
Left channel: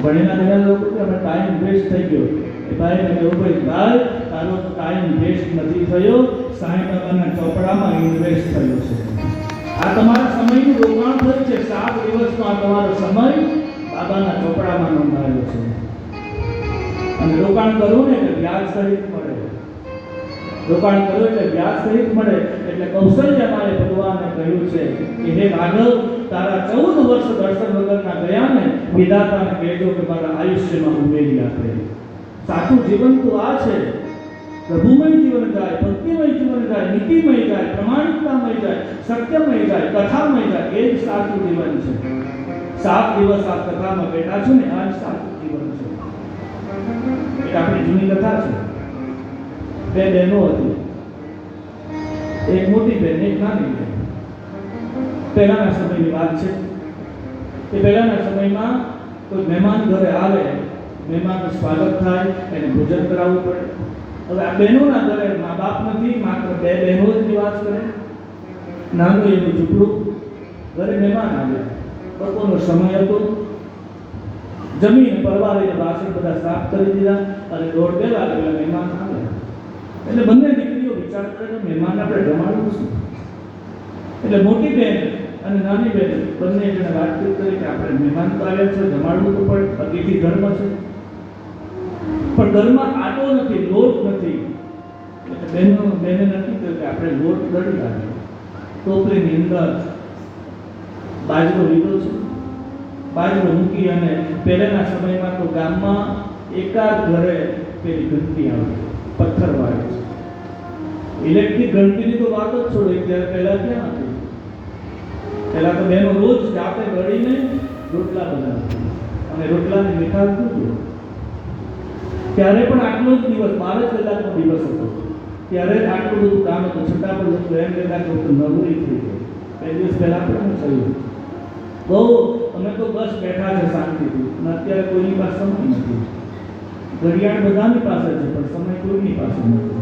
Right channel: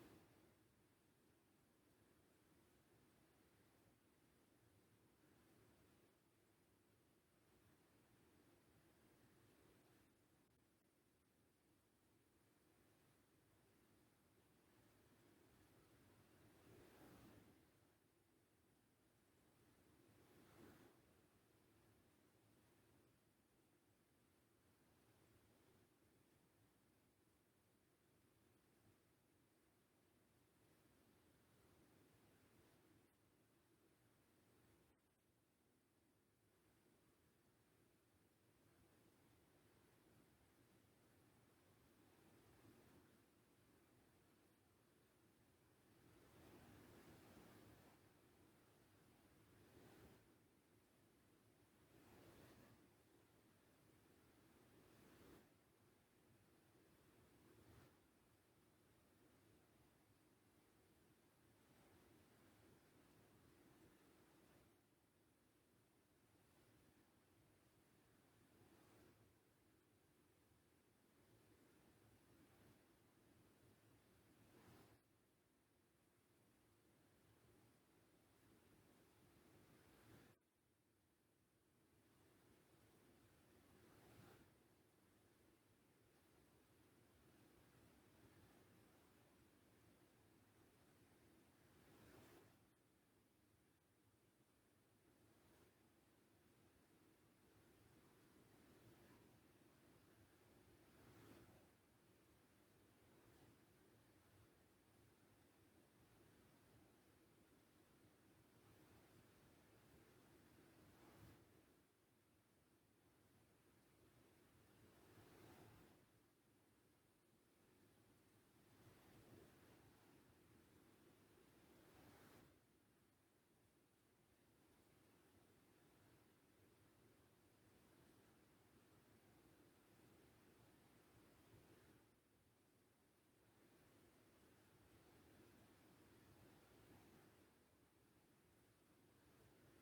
ભણેલા ઘણા લોકો કે અમે ટાઈમ વેસ્ટ થઈ ગયો. એ ભાઈને કહ્યું ભાઈ તારો ટાઈમ વેસ્ટ નથી થયો, સાંઈ બાબાના ચોપડામાં ઇન્વેસ્ટ થયો છે. આ તમારા સમયનું રોકાણ થયું છે. 7 દિવસનો આ તમારો સમય બાબાના ચોપડામાં નોંધાયો છે. અને રોકાણ કરવું ને કે વ્યાજ સહિત મળે. રોકાણ કર્યું એટલે વ્યાજ સહિત મળે. એટલે કૌશલ્યમાએ ભગવાનને કહ્યું છે કે હે રાઘવ, તારા 14 વર્ષ દર્શન વગરના ગયા ને, વિધાતાને કહેજો કે મારા આયુષ્યમાં ઉમેરી આપે. સાચું જીવન તો આ છે. પ્રભુમય જીવન જાય, ભક્તિમય જીવન જાય, નીતિમય જાય, પ્રમાણિકતામય જાય, સત્યમય જાય, કથામય જાય. એ જ સાચું જીવન છે. 7 દિવસ આ કથામાં બેઠા છું ને, આ જ સાચું જીવન છે. એક આપણી જૂની કથા છે. 2 બહેનો હતી, એક મોટી બહેન, એક નાની બહેન. પહેલાના સમયની વાત છે. એ પહેલાના સમયમાં કોઈ મહેમાન ઘરે આવે, મહેમાનનું સ્વાગત થાય, એને ભોજન કરાવવું પડે. હવે આ બહેનોના ઘરે મા બાપ નથી, માત્ર 2 બહેનો જ નિવાસ કરે. નાનું એવું ઝૂંપડું, ઘરે મહેમાન આવ્યા, બપોરનો સમય હતો. જમીન પરવારીને વાસણ બધા સાફ કરી દીધા અને 1:30 વાગે પેલા મહેમાન આવ્યા. એટલે બંને દીકરીઓ વિચાર કરે કે મહેમાન આપણે જમાડવું શું. એટલે મોટી બહેન અને નાની બહેન બંને જણે વાતચીત કરી કે આપણે મહેમાન તો આવ્યા છે, જમાડવું તો પડે, અતિથિ ધર્મ છે. પણ ઘરમાં આટો નથી, લોટ નથી. એટલે બેને નક્કી કર્યું કે આપણે લોટ દળી લાવીએ. ટોપલીની અંદર બાજરો લીધો છે, બાજરો મૂકી અને પહેલાના સમયમાં તો ગામમાં એકાદ ઘરે પેલી ઘંટી આવે, પથ્થરવાળી. ઇલેક્ટ્રિક ઘંટીની તો વાત જ છોડો, ત્યારે પહેલા ક્યાં હતી. પહેલા તો બહેનો રોજ જાતે ગળીને રોટલા બનાવતી અને રોટલાની મીઠાશ દૂધ. ત્યારે પણ આટલો જ દિવસ, 12 કલાકનો દિવસ હતો. ત્યારે આટલું બધું કામ હતું, છતાં પણ લોકો એમ કહેતા કે નવરી થઈ ગઈ. 2 દિવસ પહેલા પણ થયું બહુ, અમે તો બસ બેઠા છે શાંતિથી. અને અત્યારે કોઈની પાસે સમય નથી. ઘડિયાળ બધાની પાસે છે, પણ સમય કોઈની પાસે નથી.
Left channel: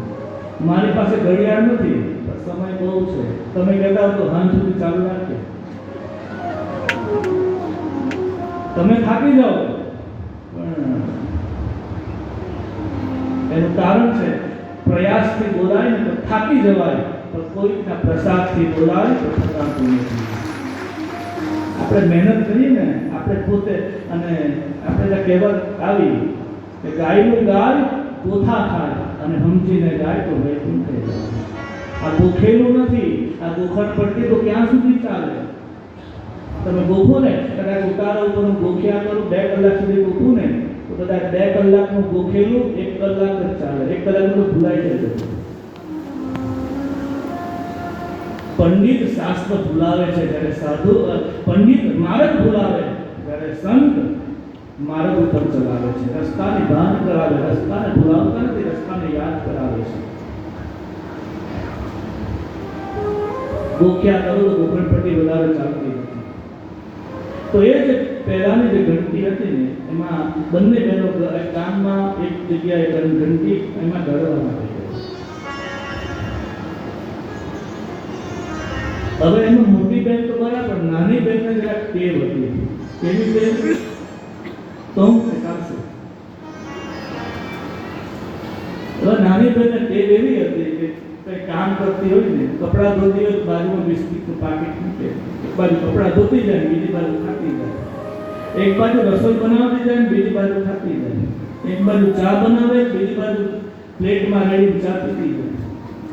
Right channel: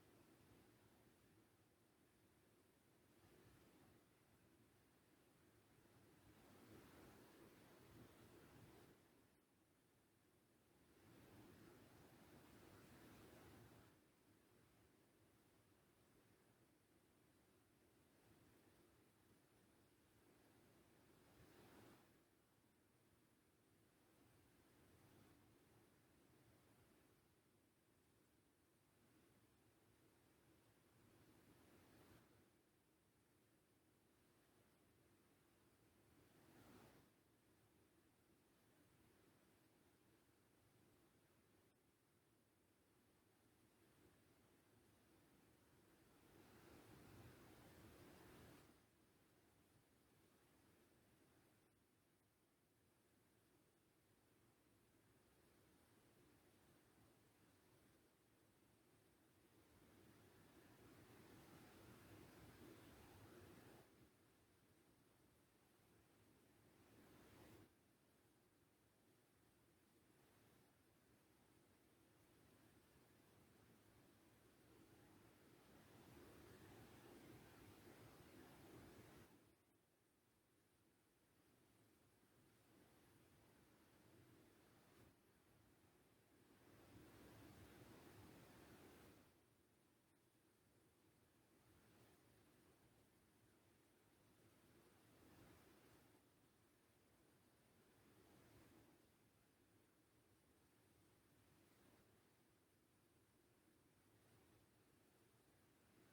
મારી પાસે ઘડિયાળ નથી, પણ સમય બહુ છે. તમે કહેતા હો તો હાંજ સુધી ચાલુ રાખીએ. તમે થાકી જાઓ, પણ એનું કારણ છે પ્રયાસથી બોલાય ને તો થાકી જવાય, તો કોઈના પ્રસાદથી બોલાય તો થકાતું નથી. આપણે મહેનત કરીએ ને, આપણે પોતે, અને આપણે ત્યાં કહેવત આવી કે ગાયનું ગાય પોથા ખાય અને સમજીને ગાય તો વૈકુંઠે જાય. આ ગોખેલું નથી. આ ગોખણ પડતી તો ક્યાં સુધી ચાલે. તમે ગોખો ને, કદાચ ઉતારા ઉપર હું ગોખ્યા કરું, 2 કલાક સુધી ગોખું ને, તો કદાચ 2 કલાકનું ગોખેલું 1 કલાક જ ચાલે. 1 કલાક તો ભૂલાઈ જાય. પંડિત શાસ્ત્ર ભૂલાવે છે, જ્યારે સાધુ પંડિત માર્ગ ભૂલાવે, જ્યારે સંત માર્ગ ઉપર ચલાવે છે. રસ્તાની ભાન કરાવે, રસ્તાને ભૂલાવતા નથી, રસ્તાને યાદ કરાવે છે. ગોખ્યા કરો તો ગોખણપટ્ટી વધારે ચાલતી નથી. તો એ જે પહેલાની જે ઘંટી હતી ને, એમાં બંને બહેનો કામમાં એક જગ્યાએ ઘંટી એમાં ગળવા માટે. હવે એમાં મોટી બહેન તો બરાબર, નાની બહેનને જરાક ટેવ હતી. કેવી ટેવ? તો ચાલશે. હવે નાની બહેનને ટેવ એવી હતી કે કંઈ કામ કરતી હોય ને, કપડાં ધોતી હોય તો બાજુમાં બિસ્કીટનું પાકીટ મૂકે. એક બાજુ કપડાં ધોતી જાય, બીજી બાજુ ખાતી જાય. એક બાજુ રસોઈ બનાવતી જાય, બીજી બાજુ ખાતી જાય. એક બાજુ ચા બનાવે, બીજી બાજુ પ્લેટમાં રેડી ચા પીતી જાય.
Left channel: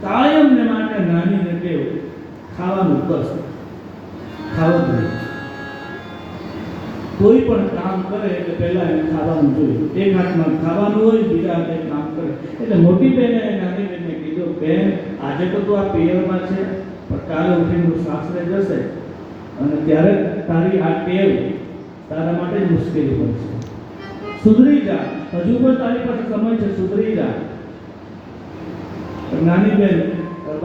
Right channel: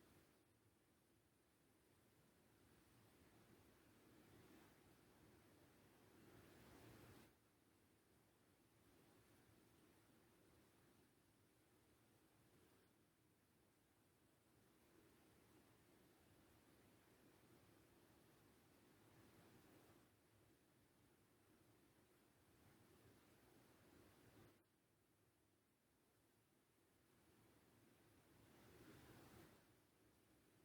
કાયમને માટે નાનીને ટેવ ખાવાનું, બસ ખાવું જોઈએ. કોઈ પણ કામ કરે એટલે પહેલા એને ખાવાનું જોઈએ. એક હાથમાં ખાવાનું હોય, બીજા હાથે કામ કરે. એટલે મોટી બહેને નાની બહેનને કીધું, બેન આજે તો તું આ પિયરમાં છે, પણ કાલે ઉઠીને સાસરે જશે અને ત્યારે તારી આ ટેવ તારા માટે જ મુશ્કેલી બનશે. સુધરી જા, હજુ પણ તારી પાસે સમય છે, સુધરી જા. નાની બહેન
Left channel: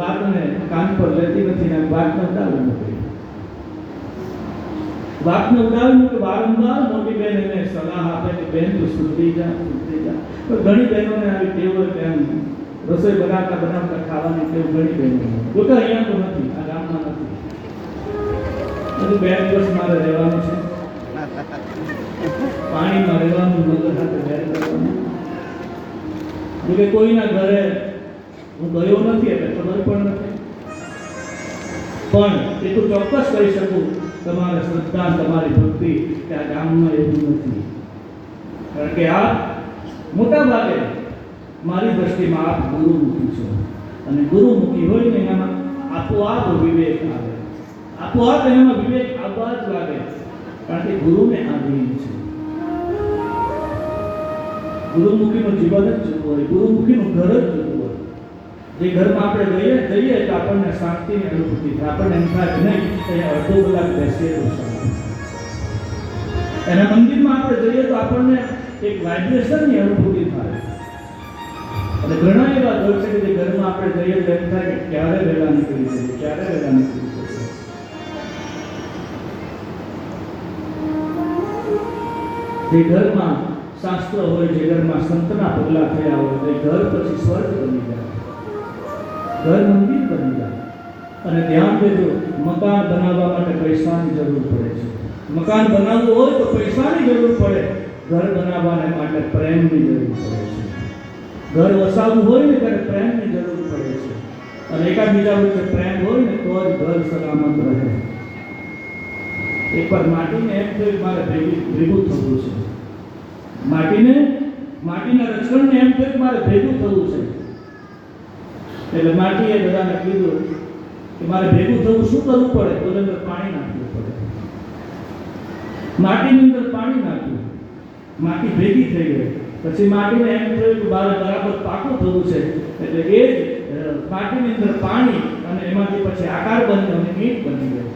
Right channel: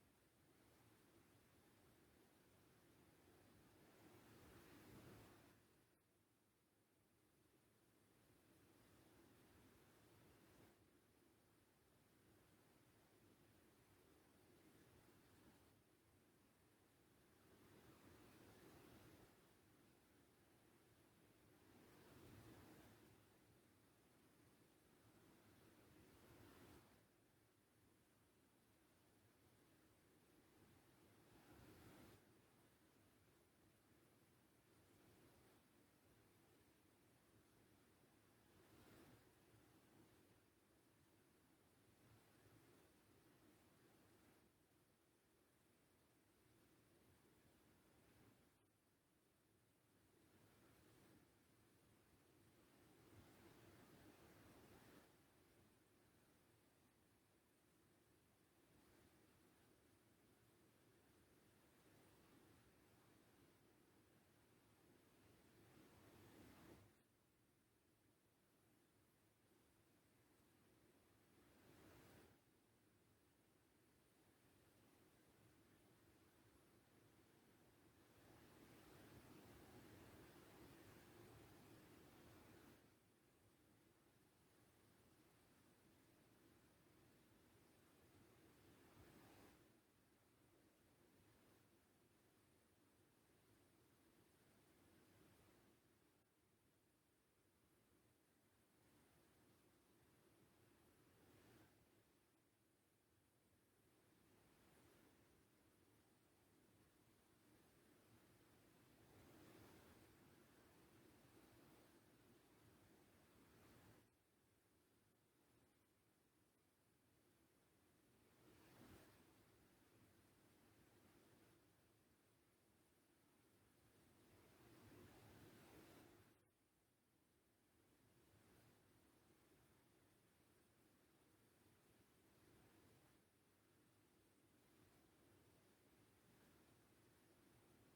વાતને કાન પર લેતી નથી ને વાતને ઉડાવી મૂકી. વાતને ઉડાવી મૂકી. વારંવાર મોટી બહેન એને સલાહ આપે કે બેન તું સુધરી જા, સુધરી જા. પણ ઘણી બહેનોને આવી ટેવ હોય કે એમ રસોઈ બનાવતા ખાવાની ટેવ ઘણી બહેનો. જોકે અહીંયા તો નથી, આ ગામમાં નથી. હજુ 2 દિવસ મારે રહેવાનું છે. પાણીમાં રહેવાનું, મગર સાથે બેર કરવાનું. જોકે કોઈના ઘરે હું ગયો નથી એટલે ખબર પણ નથી. પણ એટલું ચોક્કસ કહી શકું, તમારી શ્રદ્ધા, તમારી ભક્તિ કે આ ગામમાં એવું નથી. કારણ કે આ મોટા ભાગે મારી દ્રષ્ટિમાં આપ ગુરુમુખી છો. અને ગુરુમુખી હોય ને એનામાં આપોઆપ વિવેક આવે, આપોઆપ એનામાં વિવેક આવવા જ લાગે, કારણ કે ગુરુને આધીન છે. ગુરુમુખીનું જીવન જ જુદું હોય, ગુરુમુખીનું ઘર જ જુદું હોય. જે ઘરમાં આપણે જઈએ તો આપણને શાંતિની અનુભૂતિ થાય, આપણને એમ થાય કે નહીં અહીંયા અડધો કલાક બેસીએ તો શાંતિ. એના મંદિરમાં આપણે જઈએ તો આપણને એક વાઇબ્રેશનની અનુભૂતિ થાય. અને ઘણા એવા ઘર છે કે જે ઘરમાં આપણે જઈએ તો એમ થાય કે ક્યારે વહેલા નીકળી જઈએ, ક્યારે વહેલા નીકળી જઈએ. જે ઘરમાં શાસ્ત્ર હોય, જે ઘરમાં સંતના પગલા થયા હોય, તે ઘર પછી સ્વર્ગ બની જાય, ઘર મંદિર બની જાય. અને ધ્યાન દેજો, મકાન બનાવવા માટે પૈસાની જરૂર પડે છે. મકાન બનાવવું હોય તો પૈસાની જરૂર પડે, ઘર બનાવવાને માટે પ્રેમની જરૂર પડે છે. ઘર વસાવવું હોય ને ત્યારે પ્રેમની જરૂર પડે છે. અને એકાબીજા વચ્ચે પ્રેમ હોય ને તો જ ઘર સલામત રહે. એકવાર માટીને એમ થયું કે મારે ભેગું થવું છે, માટીના રચકણને એમ થયું કે મારે ભેગું થવું છે. એટલે માટીએ બધાને કીધું કે મારે ભેગું થવું શું કરવું પડે? તો અંદર પાણી નાખવું પડે. માટીની અંદર પાણી નાખ્યું, માટી ભેગી થઈ ગઈ. પછી માટીને એમ થયું કે મારે બરાબર પાકું થવું છે, એટલે એ જ માટીની અંદર પાણી અને એમાંથી પછી આકાર બન્યો અને ઈંટ બની ગઈ.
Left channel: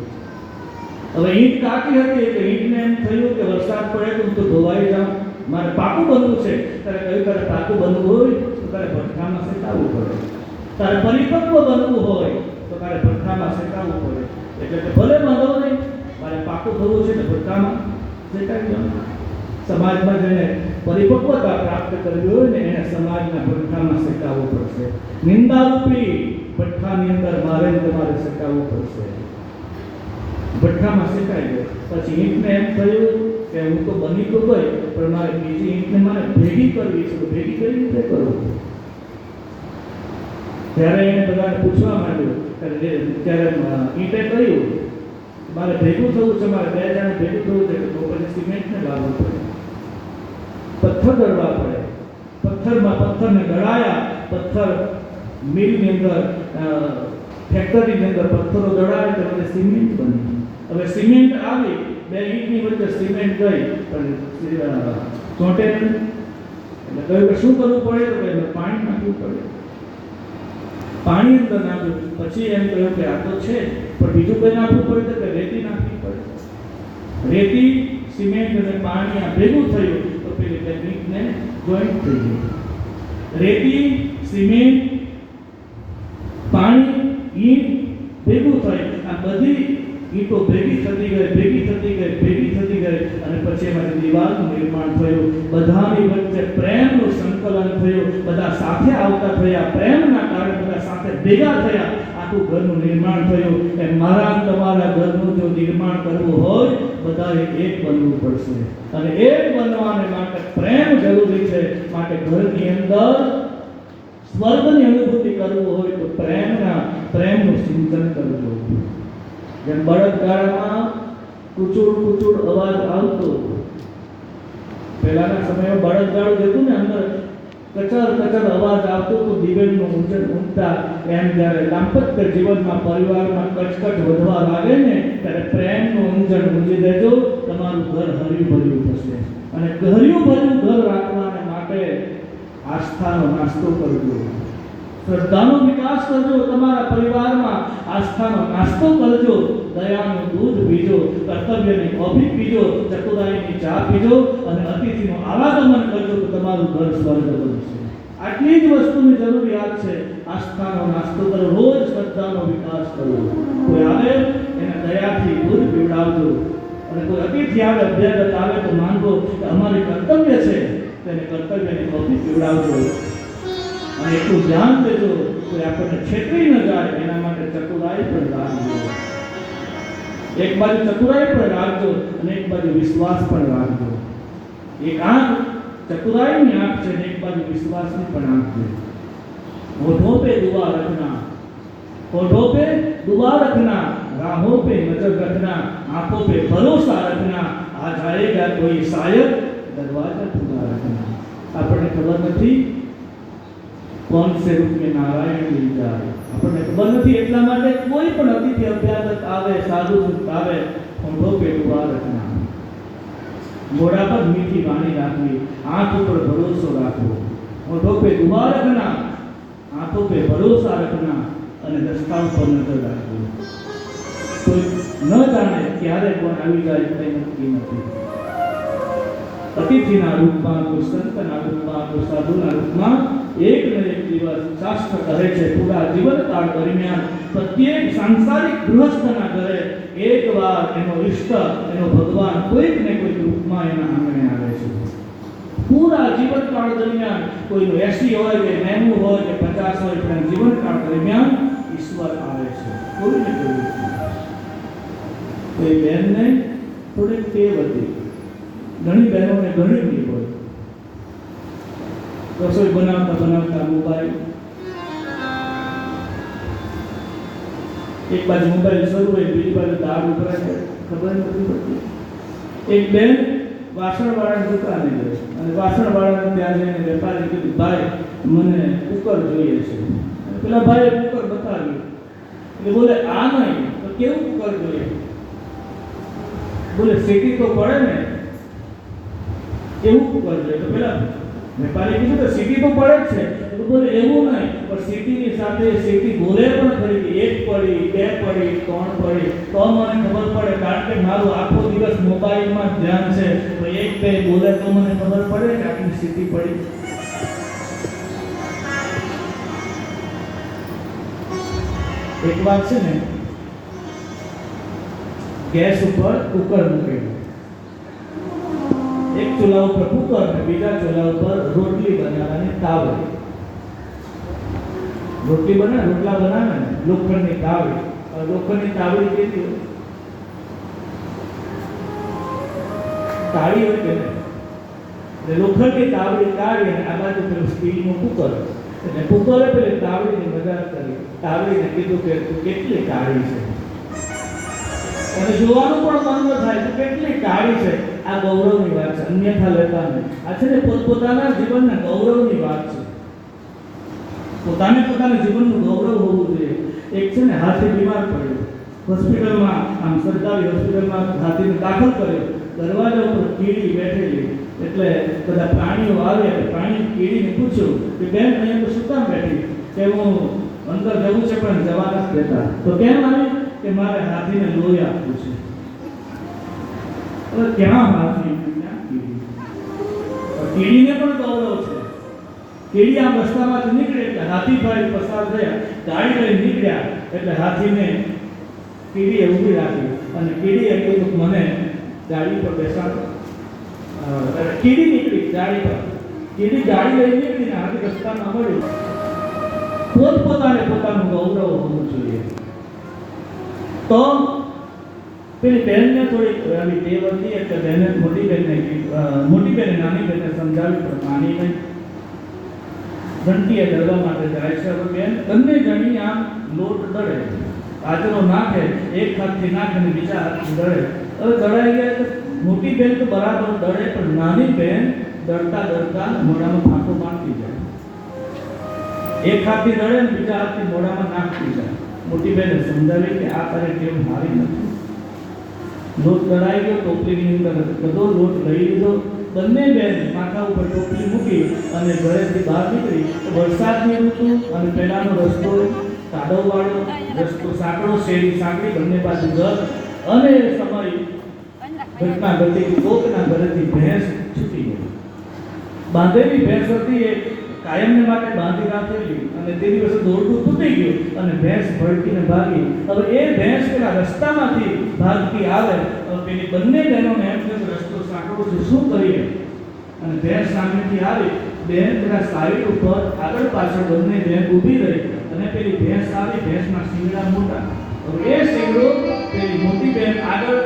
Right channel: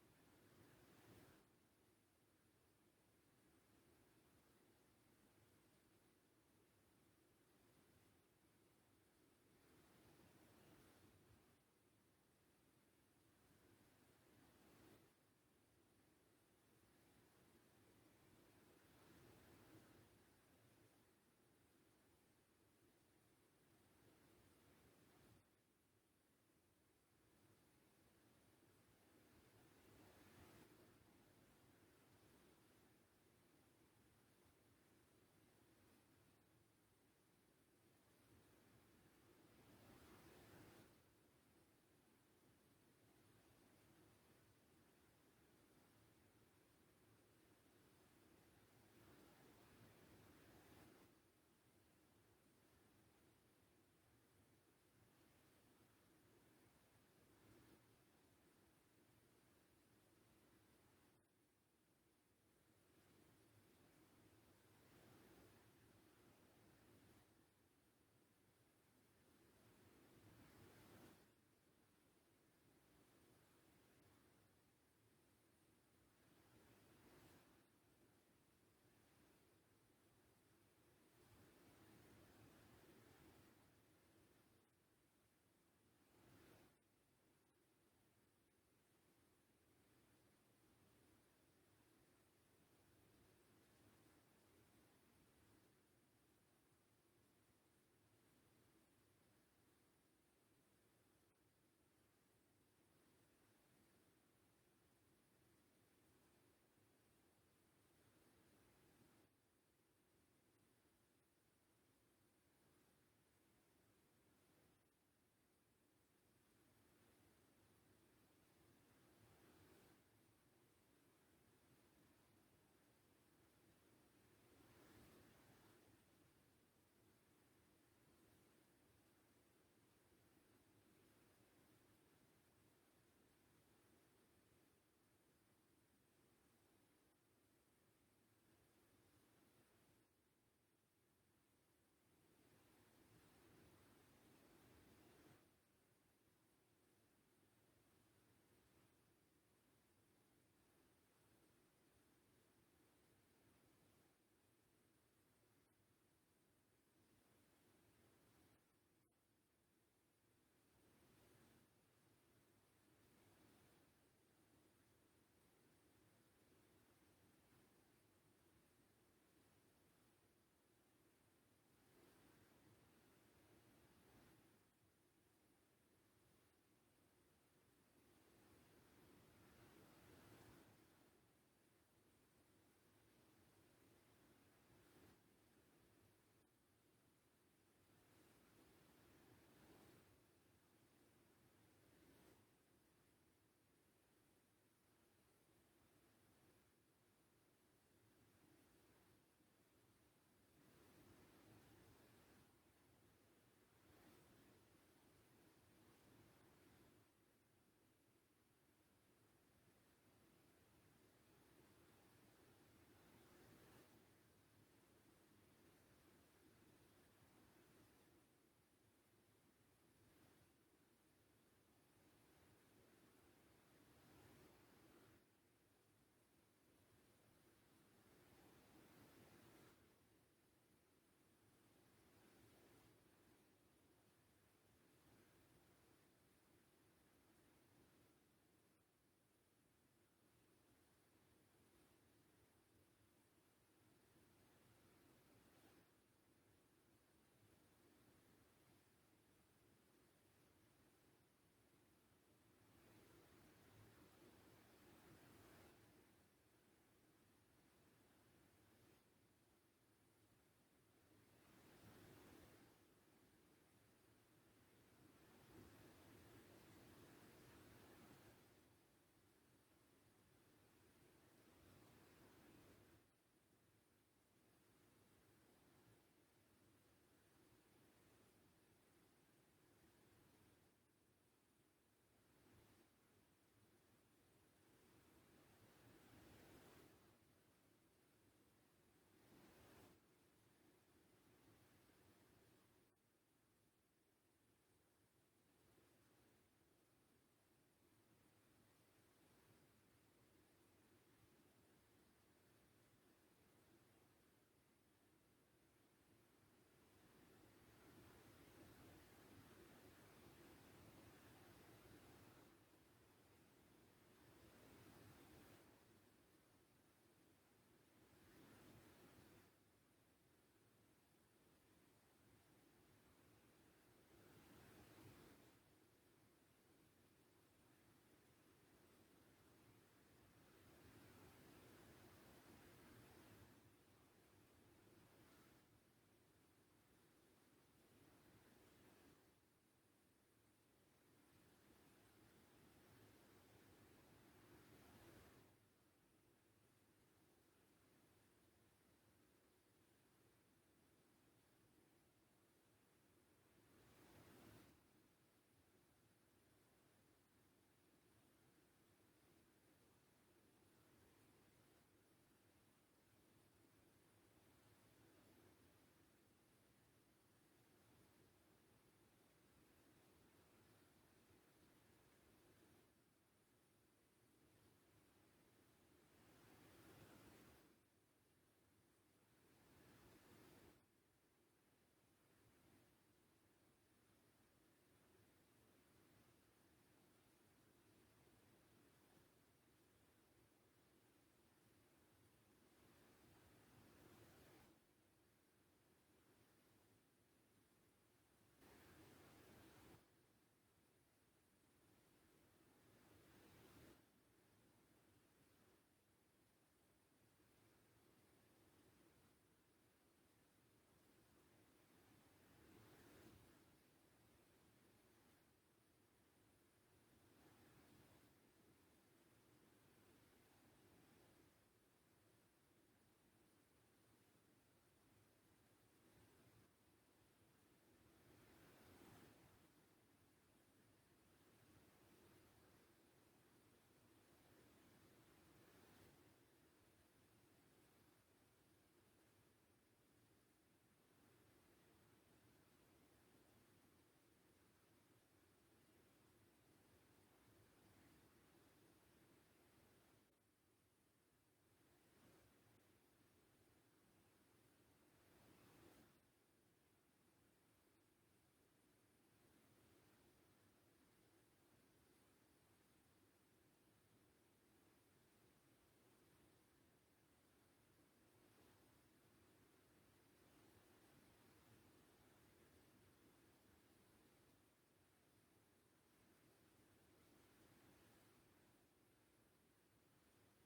હવે ઈંટ કાચી હતી એટલે ઈંટને એમ થયું કે વરસાદ પડે તો હું તો ધોવાઈ જાઉં, મારે પાકું બનવું છે. ત્યારે કહ્યું તારે પાકું બનવું હોય તો તારે ભઠ્ઠામાં શેકાવવું પડે, તારે પરિપક્વ બનવું હોય તો તારે ભઠ્ઠામાં શેકાવવું પડે. એટલે ભલે વાંધો નહીં, મારે પાકું થવું છે તો ભઠ્ઠામાં શેકાવી જાઉં. સમાજમાં જેને પરિપક્વતા પ્રાપ્ત કરવી હોય ને એને સમાજના ભઠ્ઠામાં શેકાવવું પડશે. નિંદારૂપી ભઠ્ઠાની અંદર મારે તમારે શેકાવવું પડશે. ભઠ્ઠામાં શેકાઈ ગયો. પછી ઈંટને એમ થયું કે હું તો બની તો ગઈ, પણ મારે બીજી ઈંટને મારે ભેગી કરવી છે, તો ભેગી કઈ રીતે કરું? ત્યારે એને બધાને પૂછવા માંડ્યું, ત્યારે ઈંટે કહ્યું મારે ભેગું થવું છે, મારે બે જણ ભેગું થવું છે, તો પછી સિમેન્ટને લાવવું પડે, પથ્થર દળવા પડે. પથ્થરને દળાયા, પથ્થર મિલની અંદર, ફેક્ટરીની અંદર પથ્થરો દળાય તો મને સિમેન્ટ બની. હવે સિમેન્ટ આવી, બે ઈંટની વચ્ચે સિમેન્ટ ગઈ પણ ચોંટે નહીં. એટલે કહ્યું કે શું કરવું પડે? તો કે પાણી નાખવું પડે. પાણી અંદર નાખ્યું. પછી એમ કહ્યું કે આ તો છે પણ બીજું કંઈ નાખવું પડે, તો કે રેતી નાખવી પડે. રેતી, સિમેન્ટ અને પાણી આ ભેગું થયું તો પેલી બે ઈંટને જોઈન્ટ થઈ ગઈ. રેતી, સિમેન્ટ, પાણી, ઈંટ ભેગું થાય. આ બધી ઈંટો ભેગી થતી ગઈ અને પછી એમાંથી દિવાલનું નિર્માણ થયું. બધાની વચ્ચે પ્રેમનું સંકલન થયું, બધા સાથે આવતા થયા, પ્રેમના કારણે બધા સાથે ભેગા થયા, આખું ઘરનું નિર્માણ થયું. એ મારા તમારા ઘરનું જો નિર્માણ કરવું હોય બધાએ એક બનવું પડશે. અને એક બનવાને માટે પ્રેમ જરૂરી છે. માટે ઘરની અંદર સ્વર્ગની અનુભૂતિ કરવું હોય તો પ્રેમનું ચિંતન કરવું. જેમ બળદગાડામાં કુચુડ અવાજ આવતો, પહેલાના સમયમાં બળદગાડું જતું ને અંદર કચર અવાજ આવતો તો દિવેલનું ઊંચન ઊંઘતા. એમ જ્યારે દાંપત્ય જીવનમાં પરિવારમાં કચકચ વધવા લાગે ને ત્યારે પ્રેમનું ઊંચન ઊંચી દેજો, તમારું ઘર હર્યું ભર્યું થશે. અને હર્યું ભર્યું ઘર રાખવાને માટે આસ્થાનો નાસ્તો કરજો, શ્રદ્ધાનો વિકાસ કરજો. તમારા પરિવારમાં આસ્થાનો નાસ્તો કરજો, દયાનું દૂધ પીજો, કર્તવ્યની કોફી પીજો, ચતુરાઈની ચા પીજો અને અતિથિનું આવાગમન કરજો તો તમારું ઘર સ્વર્ગ બનશે. આટલી જ વસ્તુની જરૂરિયાત છે. આસ્થાનો નાસ્તો કરો, રોજ શ્રદ્ધાનો વિકાસ કરો. કોઈ આવે એને દયાથી દૂધ પીવડાવજો અને કોઈ અતિથિ આવે, અભ્યાગત આવે તો માનવો કે અમારી કર્તવ્ય છે, તેને કર્તવ્યની કોફી પીવડાવજો. અને એટલું ધ્યાન દેજો કે આપણને છેતરી ન જાય એના માટે ચતુરાઈ પણ રાખજો. એક બાજુ ચતુરાઈ પણ રાખજો અને એક બાજુ વિશ્વાસ પણ રાખજો. એક આંખ ચતુરાઈની આંખ છે અને એક બાજુ વિશ્વાસની પણ આંખ છે. होठों पे दुआ रखना, होठों पे दुआ रखना, राहों पे नजर रखना, आंखों पे भरोसा रखना, आ जाएगा कोई शायद दरवाजा खुला रखना. આપણને ખબર નથી कौन से रूप में नारायण मिल जाए. નથી એટલા માટે કોઈ પણ અતિથિ અભ્યાગત આવે, સાધુ સંત આવે, ઊંધો પેટ ઉભા રખના, મોઢા પર મીઠી વાણી રાખવી, આંખ ઉપર ભરોસો રાખવો, ઊંધો પેટ ઉભા રખના, આંખો पे ભરોસા રખના અને રસ્તા ઉપર નજર રાખવી. કોઈ ન જાણે ક્યારે કોણ આવી જાય તે નક્કી નથી. અતિથિના રૂપમાં, કોઈ સંતના રૂપમાં, કોઈ સાધુના રૂપમાં એક ને એક દિવસ શાસ્ત્ર કહે છે પૂરા જીવનકાળ દરમિયાન પ્રત્યેક સાંસારિક ગૃહસ્થના ઘરે એકવાર એનો ઈષ્ટ, એનો ભગવાન કોઈક ને કોઈક રૂપમાં એના આંગણે આવે છે. પૂરા જીવનકાળ દરમિયાન કોઈનું 80 હોય કે 90 હોય કે 50 હોય, પણ જીવનકાળ દરમિયાન ઈશ્વર આવે છે કોઈને કોઈ રૂપમાં. કોઈ બહેનને થોડીક ટેવ હતી, ઘણી બહેનોને ઘણી ટેવ હોય, રસોઈ બનાવતા બનાવતા મોબાઈલ, એક બાજુ મોબાઈલ શરૂ હોય, બીજી બાજુ દાળ ઉભરાય છે, ખબર નથી પડતી. એક બેન વાસણવાળાની દુકાને ગઈ અને વાસણવાળાને ત્યાં જઈને વેપારી કીધું, ભાઈ મને કુકર જોઈએ છે. પેલા ભાઈએ કુકર બતાવ્યું એટલે બોલે આ નહીં તો કેવું કુકર જોઈએ? બોલે સીટી તો પડે ને, એવું કુકર જોઈએ. તો પેલા વેપારી કીધું તો સીટી તો પડે જ છે. તો બોલે એવું નહીં, પણ સીટીની સાથે સીટી બોલે પણ ખરી કે 1 પડી, 2 પડી, 3 પડી તો મને ખબર પડે, કારણ કે મારું આખો દિવસ મોબાઈલમાં જ ધ્યાન છે. તો 1 2 બોલે તો મને ખબર પડે કે આટલી સીટી પડી. એક વાત છે ને, ગેસ ઉપર કુકર મૂકેલું, એક ચૂલા ઉપર કુકર અને બીજા ચૂલા ઉપર રોટલી બનાવવાની તાવડી. રોટલા બનાવે ને લોખંડની તાવડી. લોખંડની તાવડી કેવી હોય? તાળી હોય કે નહીં? એટલે લોખંડની તાવડી કાઢી અને આ બાજુ પેલું સ્ટીલનું કુકર. એટલે કુકરે પેલી તાવડીની મજાક કરી, તાવડીને કીધું કે તું કેટલી કાળી છે. અને જોવાનું પણ મન ન થાય તો કેટલી કાળી છે. આ ગૌરવની વાત છે, અન્યથા લેતા નહીં. આ છે ને પોતપોતાના જીવનના ગૌરવની વાત છે. પોતાના જીવનનું ગૌરવ હોવું જોઈએ. એક છે ને હાથી બીમાર પડ્યો, હોસ્પિટલમાં, આમ સરકારી હોસ્પિટલમાં હાથીને દાખલ કર્યો. દરવાજા ઉપર કીડી બેઠેલી, એટલે બધા પ્રાણીઓ આવ્યા. પ્રાણી કીડીને પૂછ્યું કે બેન અહીંયા તો શું કામ બેઠી? કે હું અંદર જવું છે પણ જવા નથી દેતા. તો કેમ આવી? કે મારે હાથીને લોહી આપવું છે. હવે ક્યાં હાથી, ક્યાં કીડી? કીડીને પણ ગૌરવ છે. કીડી આમ રસ્તામાંથી નીકળે એટલે હાથીભાઈ પસાર થયા, ગાડી લઈને નીકળ્યા એટલે હાથીને કીડીએ ઊભી રાખી અને કીડીએ કીધું મને ગાડી પર બેસાડો. કીડી નીકળી ગાડી પર, કીડી ગાડી લઈને નીકળીને હાથી રસ્તામાં મળ્યું. પોતપોતાને પોતાનું ગૌરવ હોવું જોઈએ. તો પેલી બહેનને થોડીક આવી ટેવ હતી એટલે બહેને મોટી બહેને નાની બહેનને સમજાવી પણ માની નહીં. ઘંટીએ દળવા માટે જાય છે. હવે બેન બંને જણી આમ લોટ દળે, બાજરો નાખે, એક હાથથી નાખે અને બીજા હાથથી દળે. હવે દળાઈ ગયા તો મોટી બેન તો બરાબર દળે, પણ નાની બેન દળતા દળતા મોઢામાં ફાંકો મારતી જાય. એક હાથથી દળે અને બીજા હાથથી મોઢામાં નાખતી જાય. મોટી બેને સમજાવી કે આ તારે ટેવ મારી નથી. લોટ દળાઈ ગયો, ટોપલીની અંદર બધો લોટ લઈ લીધો. બંને બેન માથા ઉપર ટોપલી મૂકી અને ઘરેથી બહાર નીકળી. વરસાદની ઋતુ અને પહેલાનો રસ્તો કાદવવાળો રસ્તો, સાંકડો, શેરી સાંકડી, બંને બાજુ ઘર. અને સમય ઘટના ઘટી, કોકના ઘરેથી ભેંસ છૂટી ગઈ. બાંધેલી ભેંસ હતી, એ કાયમને માટે બાંધી રાખેલી, અને તે દિવસે દોરડું તૂટી ગયું અને ભેંસ ભડકીને ભાગી. હવે એ ભેંસ પેલા રસ્તામાંથી ભાગતી આવે. પેલી બંને બહેનોને એમ કે રસ્તો સાંકડો છે, શું કરીએ? અને ભેંસ સામેથી આવી. બેન પેલા સાઈડ ઉપર આગળ પાછળ બંને બેન ઊભી રહી અને પેલી ભેંસ આવી. ભેંસના શિંગડા મોટા. હવે એ શિંગડો પેલી મોટી બેન આગળ,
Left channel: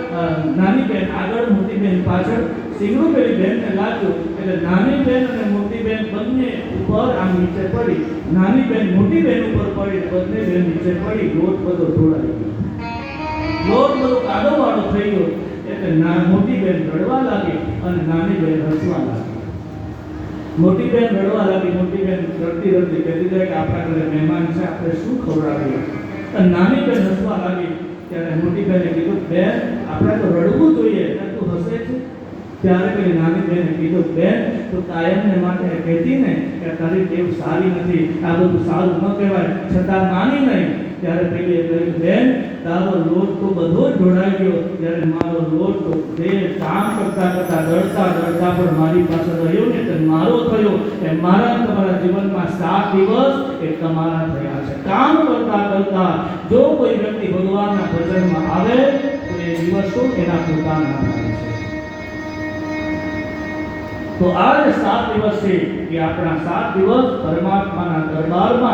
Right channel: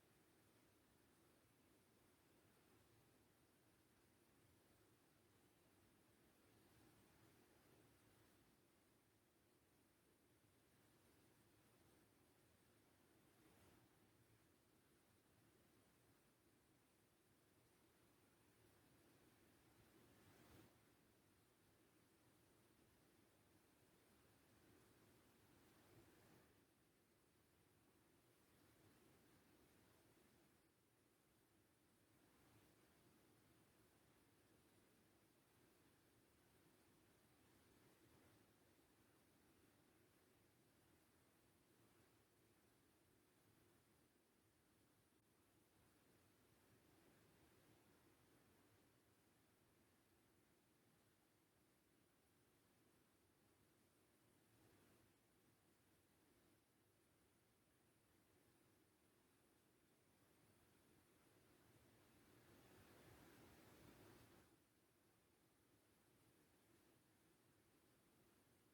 નાની બેન આગળ, મોટી બેન પાછળ. શિંગડું પેલી બેનને લાગ્યું એટલે નાની બેન અને મોટી બેન બંને ઉપર આમ નીચે પડી. નાની બેન મોટી બેન ઉપર પડી, બંને બેન નીચે પડી. લોટ બધો ઢોળાઈ ગયો, લોટ બધો કાદવવાળો થઈ ગયો. એટલે મોટી બેન રડવા લાગી અને નાની બેન હસવા લાગી. મોટી બેન રડવા લાગી. મોટી બેન રડતી રડતી કહેતી જાય કે આપણા ઘરે મહેમાન છે, આપણે શું ખવડાવીએ? અને નાની બેન હસવા લાગી ત્યારે મોટી બેને કીધું બેન આપણે તો રડવું જોઈએ ત્યારે તું હસે છે. ત્યારે પેલી નાની બેને કીધું બેન તું કાયમને માટે કહેતી ને કે તારી ટેવ સારી નથી, આ બધું સારું ન કહેવાય, છતાં નાની નહીં. ત્યારે પેલીએ કહ્યું બેન તારો લોટ તો બધો જ ઢોળાઈ ગયો, જ્યારે મારો લોટ તો કામ કરતા કરતા દળતા દળતા પણ મારી પાસે રહ્યો ને તે મારો થયો. એ મારા તમારા જીવનમાં 7 દિવસ એ તમારા થયા છે. કામ કરતા કરતા જો કોઈ વ્યક્તિ ભગવાનના ભજનમાં આવે તો એ દિવસો એના પોતાના થાય છે. તો આ જે 7 દિવસ છે એ આપણા 7 દિવસ પરમાત્માના દરબારમાં